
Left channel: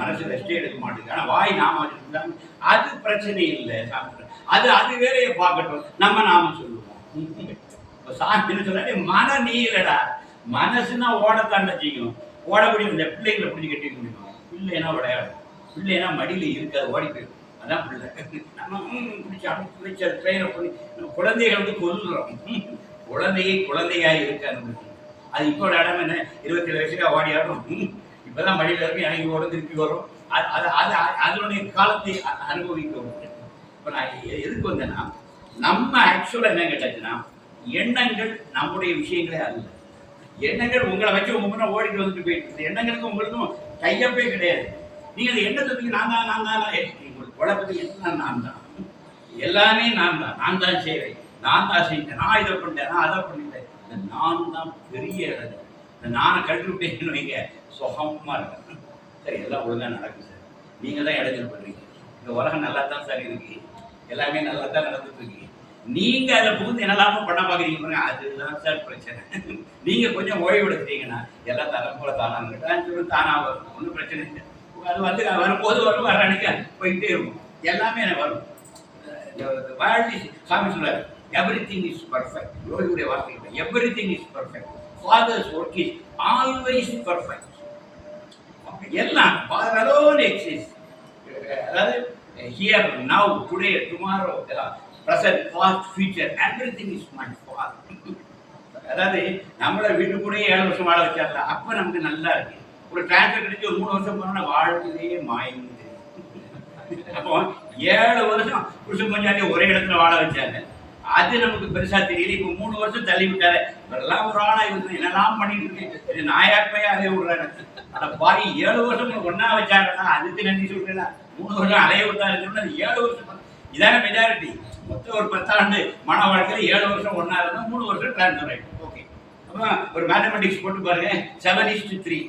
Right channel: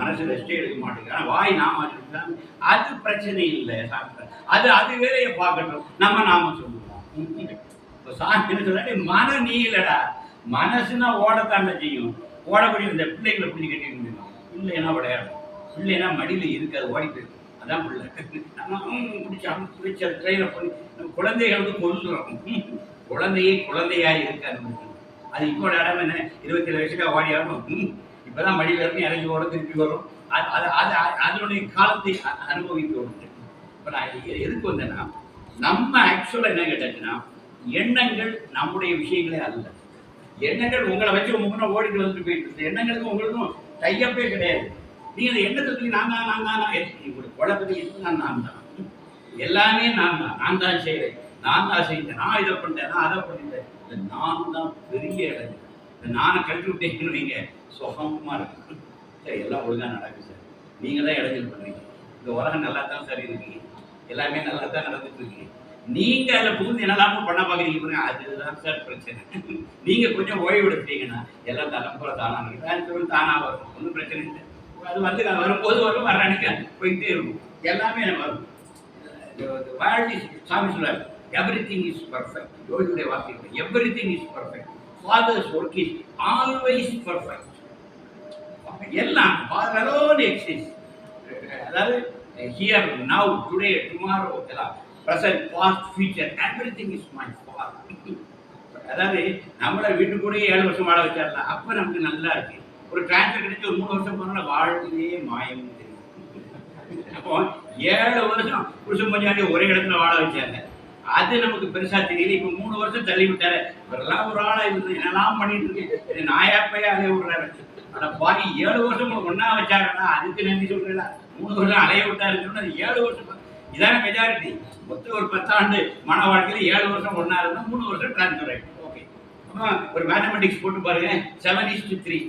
மனசு ரெஸ்டே எடுக்க மாட்டேங்குது. ஆனால் வாய் நாம சொல்லுறாங்க அது பிரச்சனை இல்லை சாமி அது அது வேலையை பார்க்கட்டும். நம்ம நாம சொல்லுவோம். இப்போ சாமி என்ன சொல்றாரு? மன நீ இல்லடா மனசுனா ஓடத்தாண்ட செய்யும். ஓடக்கூடிய இந்த பிள்ளைங்களை பிடிச்சி கட்டி முடியும்? பிள்ளைனா விளையாடும்? பிள்ளைனா மடியில் இருக்காது ஓடி போயிடும். அதான் பிள்ளை. நம்ம பிடிச்சி அனுப்பி வச்சு ட்ரெயினை பண்ணி நம்ம குழந்தைகள் வந்து கொல்லுறோம் குழந்தையை குழந்தையாக இருக்க அனுமதி அது இப்போ இடம் என்ன? இருபத்தி ஏழு ஓடி ஓடி இப்போ தான் மடியில் இருக்கும் இறங்கி வரும் திருப்பி வரும். அது அது அது அதனுடைய காலத்தை அனுபவிக்க இப்போ நான் எதுக்கு வந்தேன்னா நம்ம ஆக்சுவலாக என்ன கேட்டாச்சுன்னா எண்ணங்கள் நம்முடைய விஷயங்களே அல்ல. எண்ணங்கள் உங்களை வச்சு உங்க முன்ன ஓடிட்டு வந்துட்டு போயிட்டு இருக்கு. எண்ணங்களுக்கும் உங்களுக்கும் டையப்பே கிடையாது. நீ அந்த எண்ணத்தை தூக்கி நான் தான் நான் தான் நான் உங்களுக்கு குழப்பத்துக்கு எல்லாம் நான் தான். எல்லாமே நான் தான். நான் தான் செய்கிறேன் நான் தான் செஞ்சேன். நான் இதை பண்ணிட்டேன் நான் அதை பண்ணிட்டேன். இந்த நான் தான் பெரிய இடம். இந்த நானை கழட்டி விட்டேன்னு வைங்க. சுகமாக இருக்கு சரி எல்லாம் ஒழுங்காக நடக்கும் சார். நீங்கள் தான் இடைஞ்சல் பண்ணுறீங்க இந்த உலகம் நல்லா தான் சார் இருக்கு. எல்லாமே நல்லா தான் நடந்துட்டு இருக்கு. நீங்கள் அதில் புகுந்து என்னெல்லாமோ பண்ண பார்க்குறீங்க பாருங்க. அதுதான் சார் பிரச்சனை. நீங்கள் கொஞ்சம் ஓய்வு எடுத்தீங்கன்னா எல்லாம் தரம் போல தானா? தானாக வரும் ஒன்றும் பிரச்சனை இல்லை. அது வந்து வரும்போது வரும் வர அன்னைக்கு போயிட்டே இருக்கும். எல்லாமே எனக்கு வரும். வாழ்த்தி சாமி சொல்றாரு எவ்ரி திங் இஸ் பர்ஃபெக்ட் யோகியுடைய வார்த்தை everything is perfect father's work is always perfect எல்லாம் ஃபாதர் அலோன் எக்ஸிஸ்ட் அதாவது ஹியர் நவ் டுடே டுமாரோ எல்லாம். Present past future everything is my father அதாவது நம்மளை வீட்டு கூட ஏழு வருஷம் வாழ வச்சிடலாம் அப்போ நமக்கு நல்லா இருக்குது ஒரு டிரான்ஸ்ஃபர் கிடைச்சி ஒரு மூணு வருஷம் போனோம்னா வாழ்க்கையே மாயம் தெரியும். அப்போ ஏழு வருஷம் புருஷன் பஞ்சாதி ஒரே இடத்துல வாழ வச்சாங்க. அது நமக்கு பெருசா தெரியல. இப்போ மூணு வருஷம் தள்ளி விட்டாரு. இவரெல்லாம் ஒரு ஆளா இருந்து என்னெல்லாம் பண்ணிட்டு இருக்கேன் இது நாயாப்பையா அலைய விடுறாரு. ஆனா பாரி ஏழு வருஷம் உங்களுக்கு ஒன்னா வச்சாருன்னா அதுக்கு நன்றி சொல்றீங்களா மூணு வருஷம் அலைய விட்டாருன்னு அது ஏழு வருஷம் இதான மெஜாரிட்டி மொத்தம் ஒரு பத்தாண்டு மன வாழ்க்கையில ஏழு வருஷம் ஒன்னா இருந்தா மூணு வருஷம் டிரான்ஸ்ஃபர் ஆயிடும். ஓகே அப்போ ஒரு மேத்தமெட்டிக்ஸ் போட்டு பாருங்க. செவன் இஸ்டு த்ரீ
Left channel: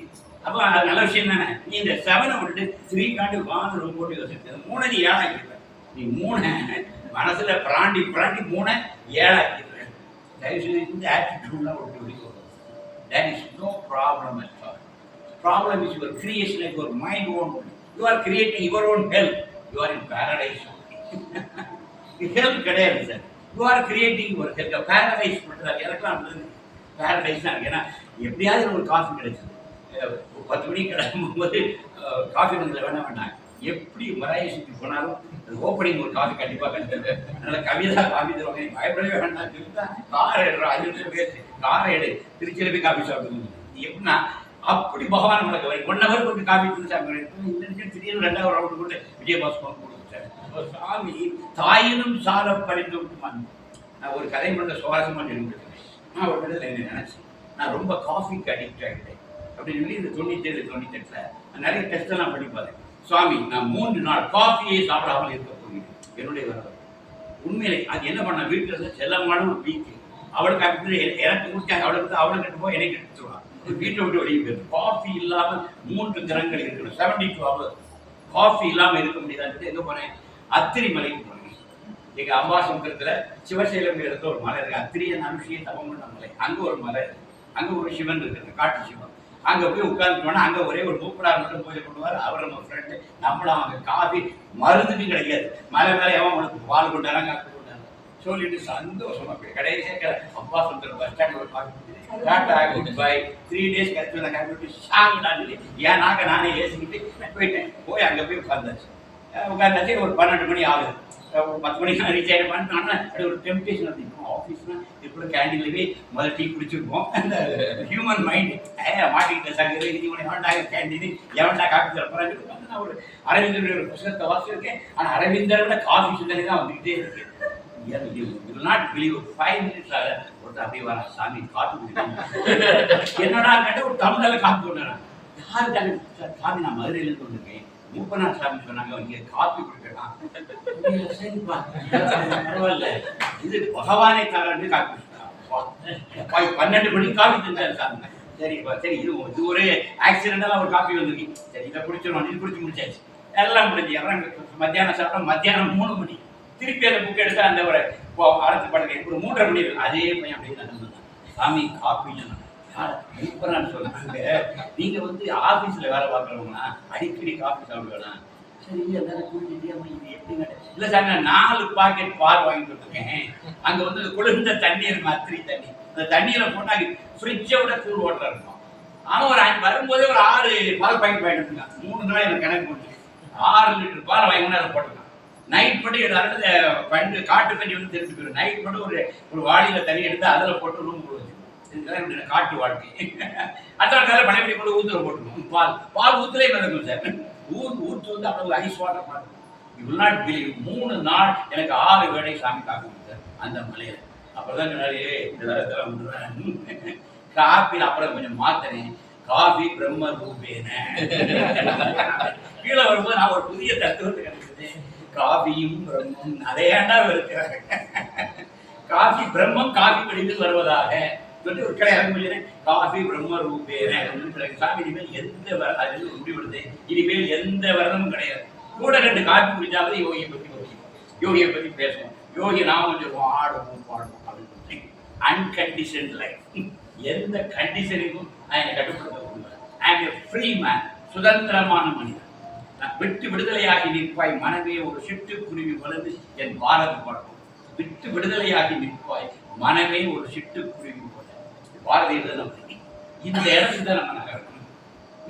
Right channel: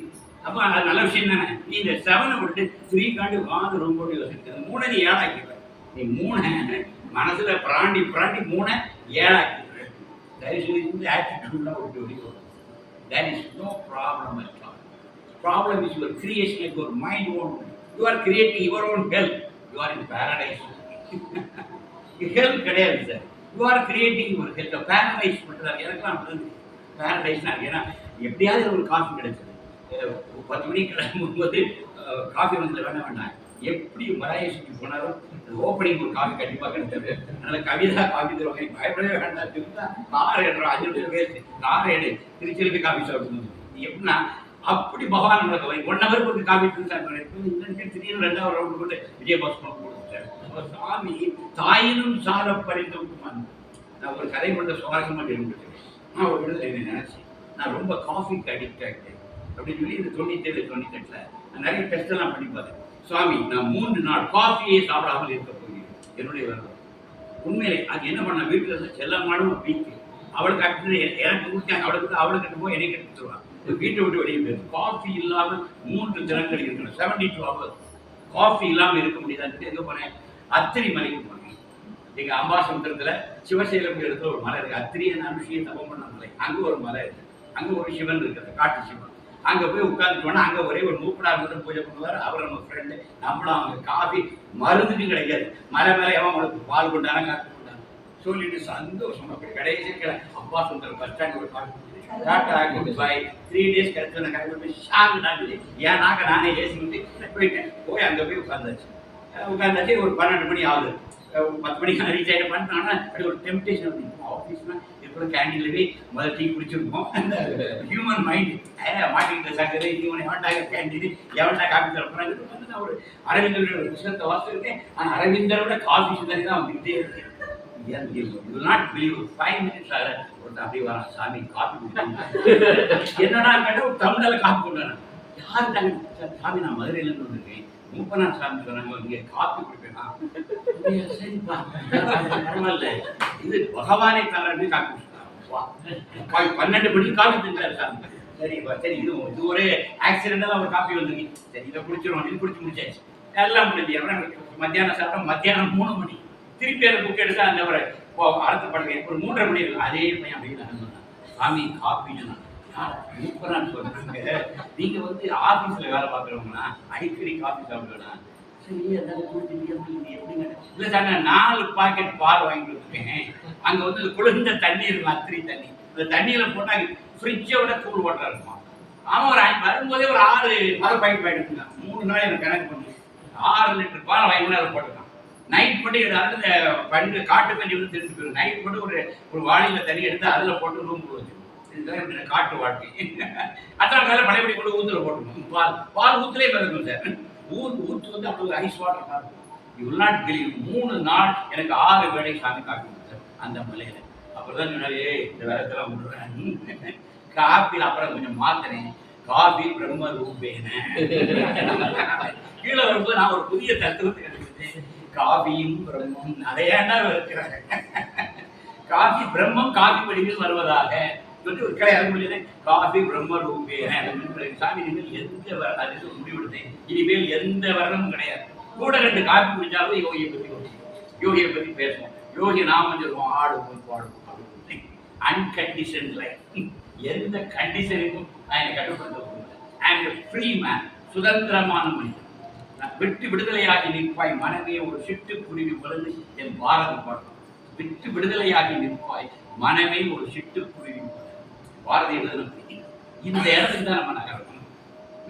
அப்போ அது நல்ல விஷயம் தானே? நீ இந்த செவனை விட்டு த்ரீ காண்டு வாங்க ரொம்ப போட்டு யோசிச்சு மூணை நீ ஏழாக்கிடுவ நீ மூணை மனசில் பிராண்டி பிராண்டி மூணை ஏழாக்கிடுவ தயவு செய்து இந்த ஆட்டிடியூட்லாம் விட்டு வெளியே that is no problem at all problem is your creation like ஒரு mind own you are creating your own health you are in paradise health கிடையாது sir you are creating your health paradise பண்ணுறாரு எனக்குலாம் paradise தான் ஏன்னா எப்படியாவது ஒரு coffee கிடைச்சது. பத்து மணிக்கு கிளம்பும்போது காஃபி வந்து வேணாம் வேண்டாம் எப்படி சுற்றி போனாலும் ஓப்பனிங் ஒரு காஃபி கண்டிப்பாக கிடைச்சது அதனால கவிதா காஃபி தருவாங்க. பயப்படவே வேண்டாம். திருத்தா கார் எடுறோம் அஞ்சு நிமிஷம் வேஸ்ட் கார் எடு திருச்சியில் போய் காஃபி சாப்பிடுங்க எப்படின்னா அப்படி பகவான் நம்மளுக்கு வரும் ஒன் ஹவர் கொண்டு காஃபி தந்து சாப்பிடுறேன் இந்த நிமிஷம் திடீர்னு ரெண்டாவது ரவுண்டு கொண்டு விஜயபாஸ் பண்ண கொடுத்தாரு அப்போ சாமி தாயினும் சால பறிந்து விட்டுமான் நான் ஒரு கதை மட்டும் சுவாரஸ்யமாக தெரிஞ்சுக்கிறேன். நான் ஒரு விடுதலை என்ன நினைச்சேன். நான் ரொம்ப காஃபிக்கு அடிக்ட் ஆகிட்டேன் அப்படின்னு சொல்லி இந்த தொண்ணூத்தேழு தொண்ணூத்தெட்டில் நிறைய டெஸ்ட் எல்லாம் பண்ணி பார்த்தேன். சுவாமி நான் மூன்று நாள் காஃபியே சாப்பிடாமல் இருக்க போகிறேன். என்னுடைய விரதம் உண்மையிலே அது என்ன பண்ண வீட்டில் இருந்து செல்லமான வீக்கு அவளுக்கு அப்படி எனக்கு கொடுத்தாங்க அவளுக்கு அவளுக்கு கட்டு போய் எனக்கு எடுத்துருவான் வீட்டை விட்டு வெளியே போயிரு காஃபி இல்லாமல் மூன்று தினங்கள் இருக்கணும் செவன்டி டூ ஹவர்ஸ் காஃபி இல்லாமல் இருக்க முடியாதுன்னு எங்கே போனேன்? அத்திரி மலைக்கு போனேன். எங்க அம்பாசமுத்திரத்துல சிவசைலம் இடத்துல ஒரு மலை இருக்கு. நான் விஷயம் தபம் பண்ண மலை. அங்க ஒரு மலை இருக்கு. அங்க ஒரு சிவன் இருக்குது. காட்டு சிவன். அங்கே போய் உட்காந்துட்டோம்னா அங்கே ஒரே ஒரு மூப்படார் மட்டும் பூஜை பண்ணுவார். அவர் நம்ம ஃப்ரெண்டு நம்மளும் அவங்க காஃபி மருந்துக்கு கிடைக்காது. மலை மேலே எவன் உனக்கு பால் கொண்டாரா காப்பி கொண்டாரா. சொல்லிட்டு சந்தோஷமா போய் கடைசியாக அப்பா சுந்தரம் பஸ் ஸ்டாண்ட் ஒரு coffee tata good bye three days கழிச்சு நான் போய் ஷாங் நான் ஏன் நாக்க நானே ஏசிக்கிட்டு போயிட்டேன். போய் அங்கே போய் உட்காந்தாச்சு உட்காந்தாச்சு ஒரு பன்னெண்டு மணி ஆகுது. ஒரு பத்து மணிக்கு ரீச் ஆகிட்டு ஆனால் அது ஒரு டெம்டேஷன் வந்து இப்போ ஆஃபீஸ்னா இப்போ கேண்டீன்ல போய் முதல்ல டீ குடிச்சிருப்போம். அந்த ஹியூமன் மைண்ட் ஏ மாட்டிக்கிட்ட சங்கர் இது இவனை எவன்டாக கேண்டீன் எவன்டா காப்பி தர வந்து நான் ஒரு அரவிந்தருடைய ஒரு புத்தகத்தை வாசிச்சிருக்கேன். ஆனால் அரவிந்தரை விட காஃபி சிந்தனை தான் வந்துக்கிட்டே இருக்கு. You not believe five minutes ஆக அப்படியே வரான். சாமி [LAUGHS] காப்பி என்னடா கேட்ட ஒரு தமிழில் காப்பி கொண்டு வரான். யார் தாங்க சாமி நான் மதுரையிலேருந்து வந்திருக்கேன். மூப்பனார் சாமி சொன்னாங்க இங்கே காப்பி கொடுக்கலாம் சரிப்பா. பரவாயில்ல. இது பகவானே தவிர காப்பி குடிக்கலாம் பன்னெண்டு மணிக்கு காப்பி தந்தார் சாமி. சரிப்பா சரி இது இது ஒரு ஆக்சிடென்டெல்லாம் ஒரு காப்பி வந்திருக்கு. சரி இதை குடிச்சிருவோம். இது குடிச்சு முடிச்சாச்சு. எல்லாம் முடிஞ்சு அப்புறம் மத்தியானம் சாப்பிட்டா மத்தியானம் மூணு மணி. திருப்பி அந்த புக் எடுத்தா அந்த ஒரு அடுத்த படகு ஒரு மூன்றரை மணி இருக்கும். அதே பையன் அப்படியே நான் சொன்னான் சாமி காப்பின்னு சொன்னான் சொல்றாங்க நீங்க வந்து ஆபீஸ்ல வேலை பார்க்குறவங்கன்னா அடிக்கடி காஃபி சாப்பிடுவேனா? சரி அதான் குடிச்சிட்டு இது எப்படிங்க இல்லை சார் நான் நாலு பாக்கெட் பால் வாங்கிட்டு கொடுத்துருக்கேன் அங்க வந்து அந்த குளிர்ந்த தண்ணி இருக்கும் அத்திரி தண்ணி. அந்த தண்ணியில போட்டா ஃப்ரிட்ஜை விட கூல் வாட்டரா இருக்கும். அவன் ஒரு வரும்போதே ஒரு ஆறு பால் பாக்கெட் வாங்கிட்டு இருந்தான் மூணு நாள் எனக்கு கணக்கு பண்ணி ஆறு லிட்டர் பால் வாங்கினா அதை போட்டுருக்கான். நைட் மட்டும் அதாவது பண்டு காட்டு தண்ணி வந்து தெரிஞ்சு போயிடும் நைட் மட்டும் ஒரு ஒரு வாளியில தண்ணி எடுத்து அதில் போட்டு ரூம் இதுதான் காட்டு வாழ்க்கை. அத்தனை காலையில் பழையபடி கொண்டு ஊத்துல போட்டுக்கணும் பால். பால் ஊத்துலேயே மிதக்கும் சார். ஊத்து ஊத்து வந்து அவ்வளவு ஐஸ் வாட்டர் மாதிரி இவ்வளோ நாள் பிலீவ் மூணு நாள் எனக்கு ஆறு வேளை சாமி காப்பி கொடுத்தார் அந்த மலையில். அப்புறம் சொன்னாரு "ஏய், இந்த வேலைத்தெல்லாம் விடுறேன் காப்பியில் அப்புறம் கொஞ்சம் மாத்தினேன். காபி பிரம்ம ரூபேன. கீழே வரும்போது நான் ஒரு புதிய தத்துவத்தை கிடைச்சது காபியும் பிரம்மம் நிறைய இருக்கிறாங்க. காபி பிரம்மம் காபி வடிவில் வருவதாக. சொல்லி ஒரு கிளை இறங்க காஃபி பிரம்ம ரூபேன சாமி இனிமேல் எந்த வர அது முடிவெடுத்து இனிமேல் எந்த வரணும் கிடையாது. கூட ரெண்டு காஃபி குடிச்சாவது யோகியை பற்றி பேசுவோம் யோகியை பத்தி பேசுவோம். யோகி நாமம் சொல்லுவோம் ஆடுவோம் பாடுவோம் அப்படின்னு அன்கண்டிஷன் லைஃப் எந்த கண்டிஷனுக்கும் நான் என்னை கட்டுப்படுத்த முடியல I am a free man சுதந்திரமான மனிதன். நான் விட்டு விடுதலையாகி நிற்பாய் மனமே ஒரு சிட்டுக்குருவி வளர்ந்து என் பாரதி பாடுவோம் விட்டு விடுதலையாகி நிற்பாய் மனமே ஒரு சிட்டுக்குருவி குருவி பாரதி எழுதின இந்த இடத்துக்கு தான் நம்ம நகரணும்.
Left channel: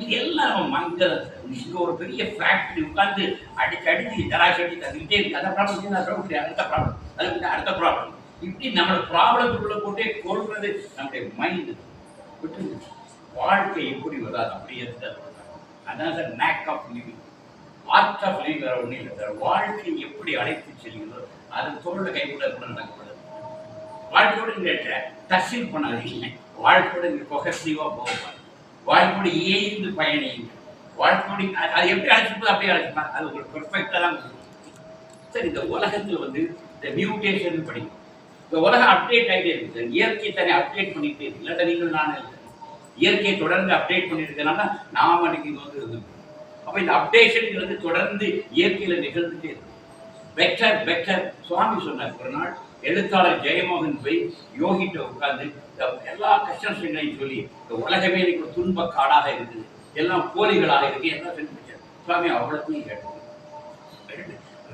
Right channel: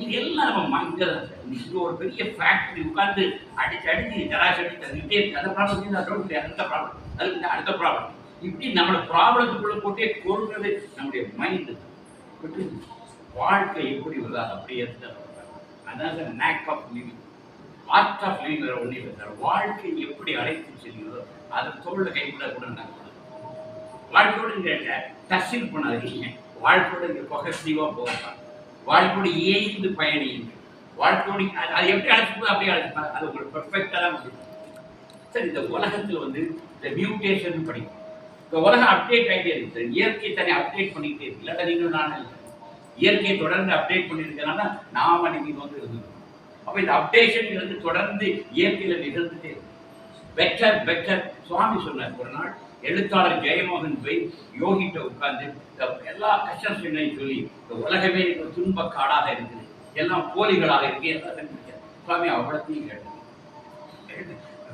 இது எல்லாம் நம்ம சார் மிக ஒரு பெரிய ஃபேக்ட்ரி உட்காந்து அடிச்சு அடிச்சு ஜலாசி அடிச்சு தந்துக்கிட்டே இருக்கு. அந்த ப்ராப்ளம் அடுத்த ப்ராப்ளம் அதுக்கு அடுத்த ப்ராப்ளம் இப்படி நம்மளோட ப்ராப்ளத்துக்குள்ளே போட்டே கொள்வது நம்முடைய மைண்டு விட்டு வாழ்க்கை எப்படி வருதோ அது அப்படியே அதான் sir make of living art of living வேறு ஒன்றும் இல்லை சார் வாழ்க்கை எப்படி அழைத்து செல்கிறதோ அதை தோளில் கைப்பட கூட நடக்கக்கூடாது. வாழ்க்கையோட நீங்க டச்சில் பண்ணாதீங்க. வாழ்க்கையோடு நீங்க கொகசிவாக போகப்பார் வாழ்க்கையோட ஏய்ந்து பயணியுங்க. வாழ்க்கையோடு அது அது எப்படி அழைச்சிப்போ அப்படியே அழைச்சிப்பாங்க அது உங்களுக்கு பெர்ஃபெக்டாக தான் முடியும். சார் இந்த உலகத்தில் வந்து இந்த மியூட்டேஷன் படிக்கும் இந்த உலகம் அப்டேட் ஆகிட்டே இருக்கு. சார் இயற்கை தன்னை அப்டேட் பண்ணிக்கிட்டே இருக்கு. இல்லாட்டா நீங்கள் நான் இல்லை. இயற்கையை தொடர்ந்து அப்டேட் பண்ணியிருக்கனால நாம் அன்னைக்கு இங்கே வந்து இருந்தோம். அப்போ இந்த அப்டேஷனுங்கிறது தொடர்ந்து இயற்கையில் நிகழ்ந்துட்டே இருக்கு. பெட்டர் பெட்டர் சுவாமி சொன்னார். ஒரு நாள் எழுத்தாளர் ஜெயமோகன் போய் யோகிட்ட உட்கார்ந்து எல்லா கஷ்டங்களையும் சொல்லி இந்த உலகமே இன்னைக்கு ஒரு துன்ப காடாக இருக்குது. எல்லாம் போலிகளாக இருக்கு. எல்லாம் கண்டுபிடிச்சார் சுவாமி அவ்வளோத்தையும் கேட்டோம்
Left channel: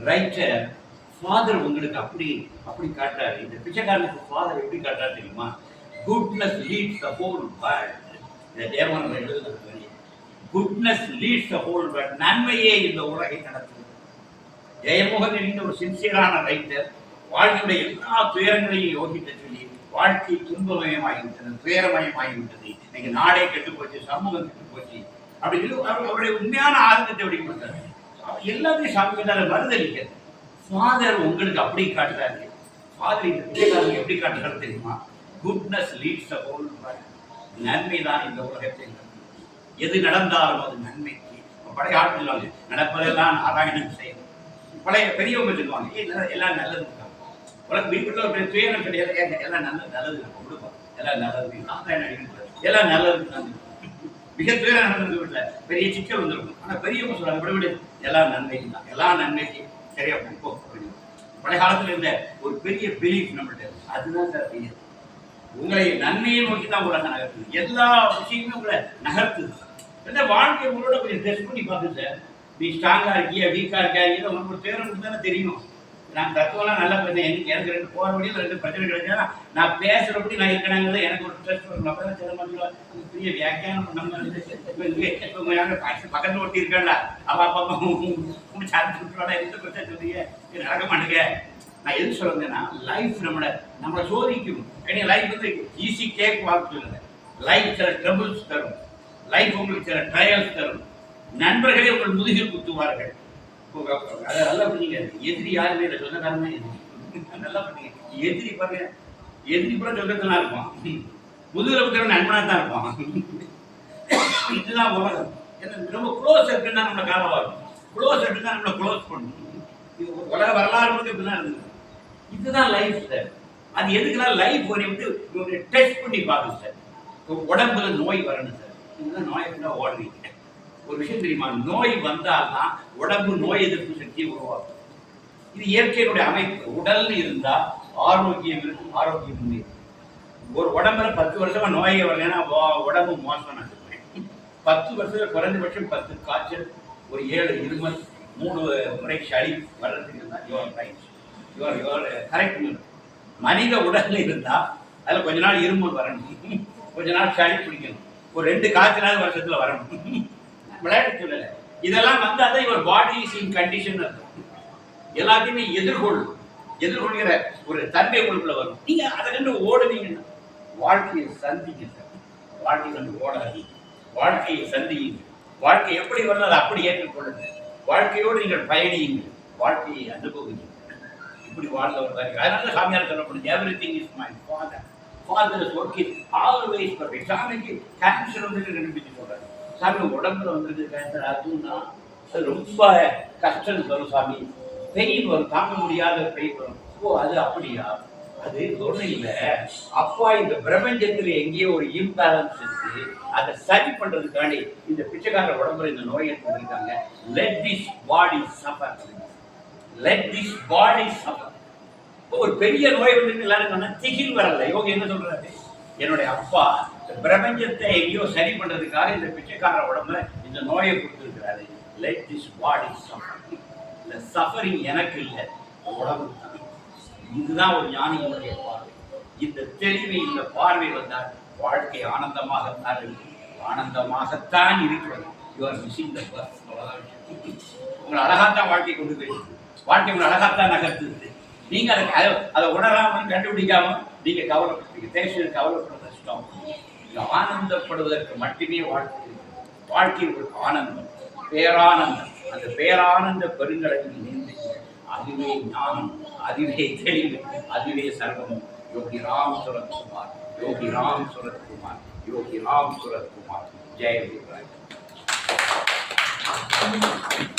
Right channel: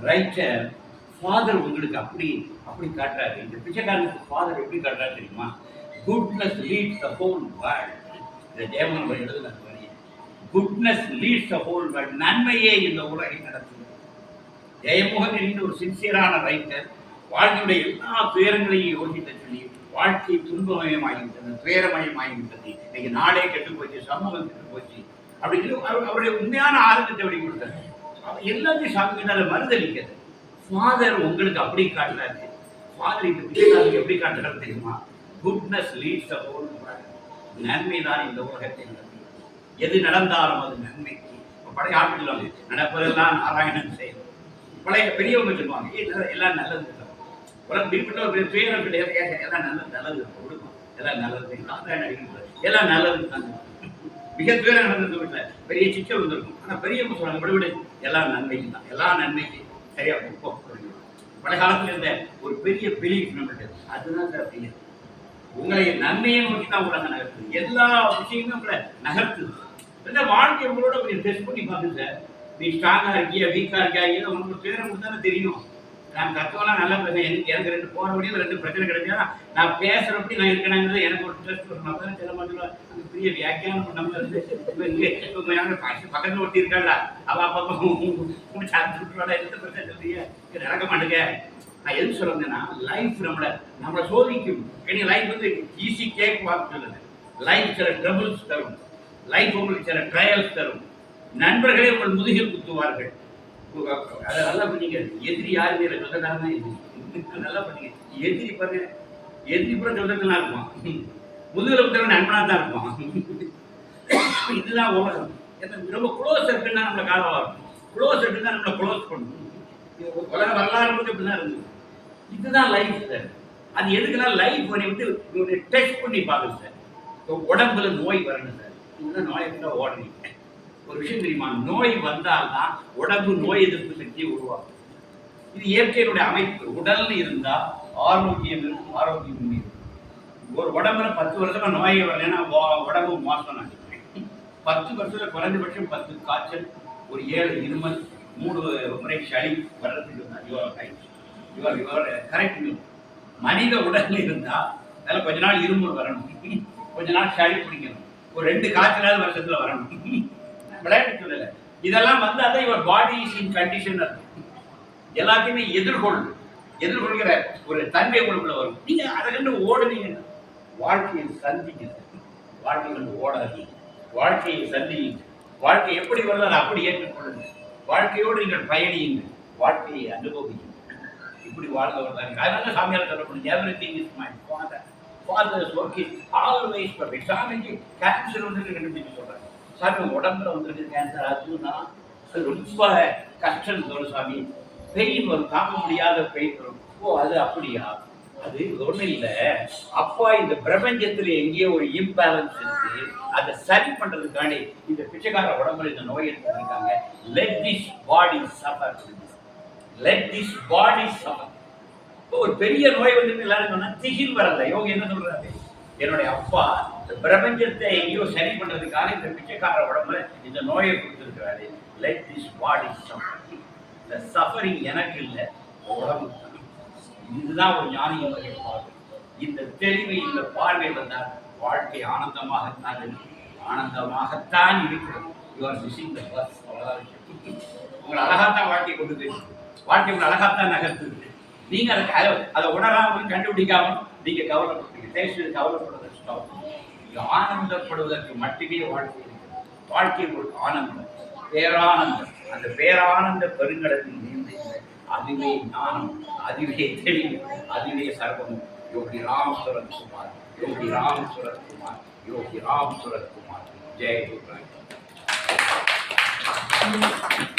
ரைட்டர் ஃபாதர் உங்களுக்கு அப்படி அப்படி காட்டுறாரு. இந்த பிச்சைக்காரனுக்கு ஃபாதர் எப்படி காட்டுறாரு தெரியுமா? Goodness leads the whole world இந்த தேவன் எழுதுனது வரி goodness leads the whole world நன்மையே இந்த உலகை நடத்துகிறது. ஜெயமோகன் என்கிற ஒரு சின்சியரான ரைட்டர் வாழ்க்கையுடைய எல்லா துயரங்களையும் யோகிக்க சொல்லி வாழ்க்கை துன்பமயமாகிவிட்டது துயரமயமாகிவிட்டது. இன்னைக்கு நாடே கெட்டு போச்சு சமூகம் கெட்டு போச்சு அப்படின்னு சொல்லி அவருடைய உண்மையான ஆதங்கத்தை எப்படி கொடுத்தாரு எல்லாத்தையும் சாமி மறுதளிக்கிறது. ஃபாதர் உங்களுக்கு அப்படி காட்டுறாரு. ஃபாதர் இந்த பிச்சைக்காரனுக்கு எப்படி காட்டுறாரு தெரியுமா? குட்னஸ் லீட்ஸ் அ ஹோல் நன்மை தான் இந்த உலகத்தை எது நடந்தாலும் அது நன்மைக்கு. பழைய ஆட்கள் நடப்பதெல்லாம் நாராயணன் செய்யணும் பழைய பெரியவங்க சொல்லுவாங்க எல்லாம் நல்லது உலகம் வீட்டுல ஒரு துயரம் கிடையாது ஏங்க, எல்லாம் நல்லது நல்லது. நம்ம விடுவோம் எல்லாம் நல்லது. நாராயணன் அடிக்கக்கூடாது எல்லாம் நல்லது தான் மிக துயரம் நடந்தது வீட்டில். பெரிய சிக்கல் வந்திருக்கும். ஆனால் பெரியவங்க சொல்கிறாங்க விட விடு. எல்லாம் நன்மைக்கு தான். எல்லா நன்மைக்கு சரியாக போ, பழைய காலத்துல இருந்த ஒரு பெரிய பிலீஃப் நம்மள்ட்ட அதுதான் சார் பெரிய. உங்களை நன்மையை நோக்கி தான் உலகம் நகர்த்துது. எல்லா விஷயமுமே உங்களை நகர்த்துது. இந்த வாழ்க்கை உங்களோட கொஞ்சம் டெஸ்ட் பண்ணி பார்த்து சார். நீ ஸ்ட்ராங்காக இருக்கியா வீக்கா இருக்கியா? இல்லை உங்களுக்கு துயரம் கொடுத்தானே தெரியும். நான் தத்துவம்லாம் நல்லா பேசுவேன் எனக்கு எனக்கு ரெண்டு போற வழியில் ரெண்டு பிரச்சனை கிடைச்சா நான் பேசுறபடி நான் இருக்கணுங்கிறது எனக்கு ஒரு ட்ரெஸ் வரும் அப்போ தான் சில மாதிரி அந்த பெரிய வியாக்கியானம் நம்ம இருந்து யாரும் பக்கத்தில் ஒருத்தி இருக்காங்களா அவ அப்பா முடிச்சு அனுப்பிச்சு விட்டுருவாடா எந்த பிரச்சனை சொல்றீங்க நடக்க மாட்டேங்க. நான் எது சொல்லுங்கன்னா லைஃப் நம்மளை நம்மளை சோதிக்கும். ஏன்னா லைஃப் வந்து ஈஸி கேக் வாக்கு சொல்லுங்க லைஃப் சில ட்ரபிள்ஸ் தரும். லைஃப் உங்களுக்கு சில ட்ரையல்ஸ் தரும். நண்பர்களே உங்கள் முதுகில் குத்துவார்கள். அதை நல்லா பண்ணீங்க எதிரி யாருமே இல்லை. சொந்தக்காரன் தான் எதிரி நல்லா பண்ணீங்க எதிரி பாருங்க. எதிரி கூட சொந்தத்தெல்லாம் இருப்பான். முதுகில் குத்துறவன் நண்பனாக தான் இருப்பான். இதுதான் உலகம். என்ன ரொம்ப க்ளோஸ் இருக்குன்னா நம்மளை காலம் வரும். க்ளோஸ் இருக்குன்னா நம்மளை க்ளோஸ் பண்ணணும் உலக வரலாறு முழுக்க இப்படி தான் இருந்தது இதுதான் லைஃப் சார் அது எதுக்குன்னா லைஃப் வந்து டெஸ்ட் பண்ணி பார்க்குது சார் இப்போ உடம்புல நோய் வரணும் சார் இதுதான் நோயை கூட ஓடுறீங்க. ஒரு விஷயம் தெரியுமா? நோய் வந்தால்தான் உடம்பு நோய் எதிர்ப்பு சக்தியை உருவாக்கும். இது இயற்கையினுடைய அமைப்பு. உடல்னு இருந்தால் ஆரோக்கியம் இருக்கும் ஆரோக்கியம் இருக்கும். ஒரு உடம்புல பத்து வருஷமா நோயே வரலைன்னா வா- உடம்பு மோசம் நான் பத்து வருஷத்துல குறைந்தபட்சம் பத்து காய்ச்சல் ஒரு ஏழு இருமல் மூணு முறை சளி வர்றதுக்கு தான் your right your your correct மனித உடல்ல இருந்தால் அதில் கொஞ்ச நாள் இருமல் வரணும். கொஞ்ச நாள் சளி பிடிக்கணும். ஒரு ரெண்டு காய்ச்சலாவது வருஷத்தில் வரணும். விளையாட்டு சொல்லல இதெல்லாம் வந்து அதான் இவர் பாடி இஸ் இன் கண்டிஷன் அர்த்தம். எல்லாத்தையுமே எதிர்கொள்ளும் எதிர்கொள்கிற ஒரு தன்மை உங்களுக்குள்ள வரும். நீங்க அதை கண்டு ஓடுனீங்கன்னா வாழ்க்கையை சந்திங்க வாழ்க்கை கண்டு ஓடாதீங்க. வாழ்க்கையை சந்தியுங்க. வாழ்க்கை எப்படி வரணும் அதை அப்படி ஏற்றுக்கொள்ளுங்க. வாழ்க்கையோடு நீங்கள் பயணியுங்க. வாழ்க்கையை அனுபவிங்க இப்படி வாழ்ந்தவர் தான். அதனால சாமியார் சொல்லப்படுது every thing is my father father's work is always perfect சாமிக்கு கேன்சர் வந்து கண்டுபிடிச்சு சொல்றாங்க சாமி உடம்புல வந்திருக்கு கேன்சர் அதுனா அது ரொம்ப கஷ்டம் வரும் சாமி பெயின் வரும் தாங்க முடியாத பெயின் வரும் ஓ அது அப்படியா? அது ஒன்றும் இல்லை. அப்பா இந்த பிரபஞ்சத்தில் எங்கேயோ ஒரு இம்பேலன்ஸ் இருக்கு. அதை சரி பண்றதுக்காண்டி இந்த பிச்சைக்கார உடம்புல இந்த நோய் ஏற்பட்டிருக்காங்க let this body suffer let this body suffer இப்போ ஒரு பெரிய நோய் வந்துட்டு எல்லாரும் திகில் வரல. யோகி என்ன சொல்றாரு? என்னுடைய அப்பா இந்த பிரபஞ்சத்தை எங்கேயோ சரி பண்ணுறதுக்காக இந்த பிச்சைக்கார உடம்புல இந்த நோயை கொடுத்துருக்கிறாரு. லெட் திஸ் பாடி சஃபர் இந்த சஃபரிங் எனக்கு இல்லை உடம்பு தான். இதுதான் ஒரு ஞானியினுடைய பார்வை. இந்த தெளிவு இந்த பார்வை வந்தால் வாழ்க்கை ஆனந்தமாகத்தான் இருக்கும். ஆனந்தமாகத்தான் இருக்கிறது. You are missing the bus அவ்வளோதான் விஷயம். உங்களை அழகாத்தான் வாழ்க்கை கொண்டு போயிருக்கு. வாழ்க்கை உங்களை அழகாத்தான் நகர்த்துது. நீங்க அதை அதை- அதை கண்டுபிடிக்காமல் நீங்க கவலைப்படுறீங்க தேசியம் கவலைப்படுறத ஸ்டாப் நீங்க ஆனந்தப்படுவதற்கு மட்டுமே வாழ்க்கை வாழ்க்கை ஒரு ஆனந்தம் பேரானந்தம். அந்த பேரானந்த பெருங்கடலில் நீந்துங்கள் அதுவே ஞானம் அதுவே தெளிவு அதுவே சர்வமும். யோகி ராம் சுரத்குமார் யோகி ராம் சுரத்குமார் யோகி ராம் சுரத்குமார் ஜெய குருராஜ்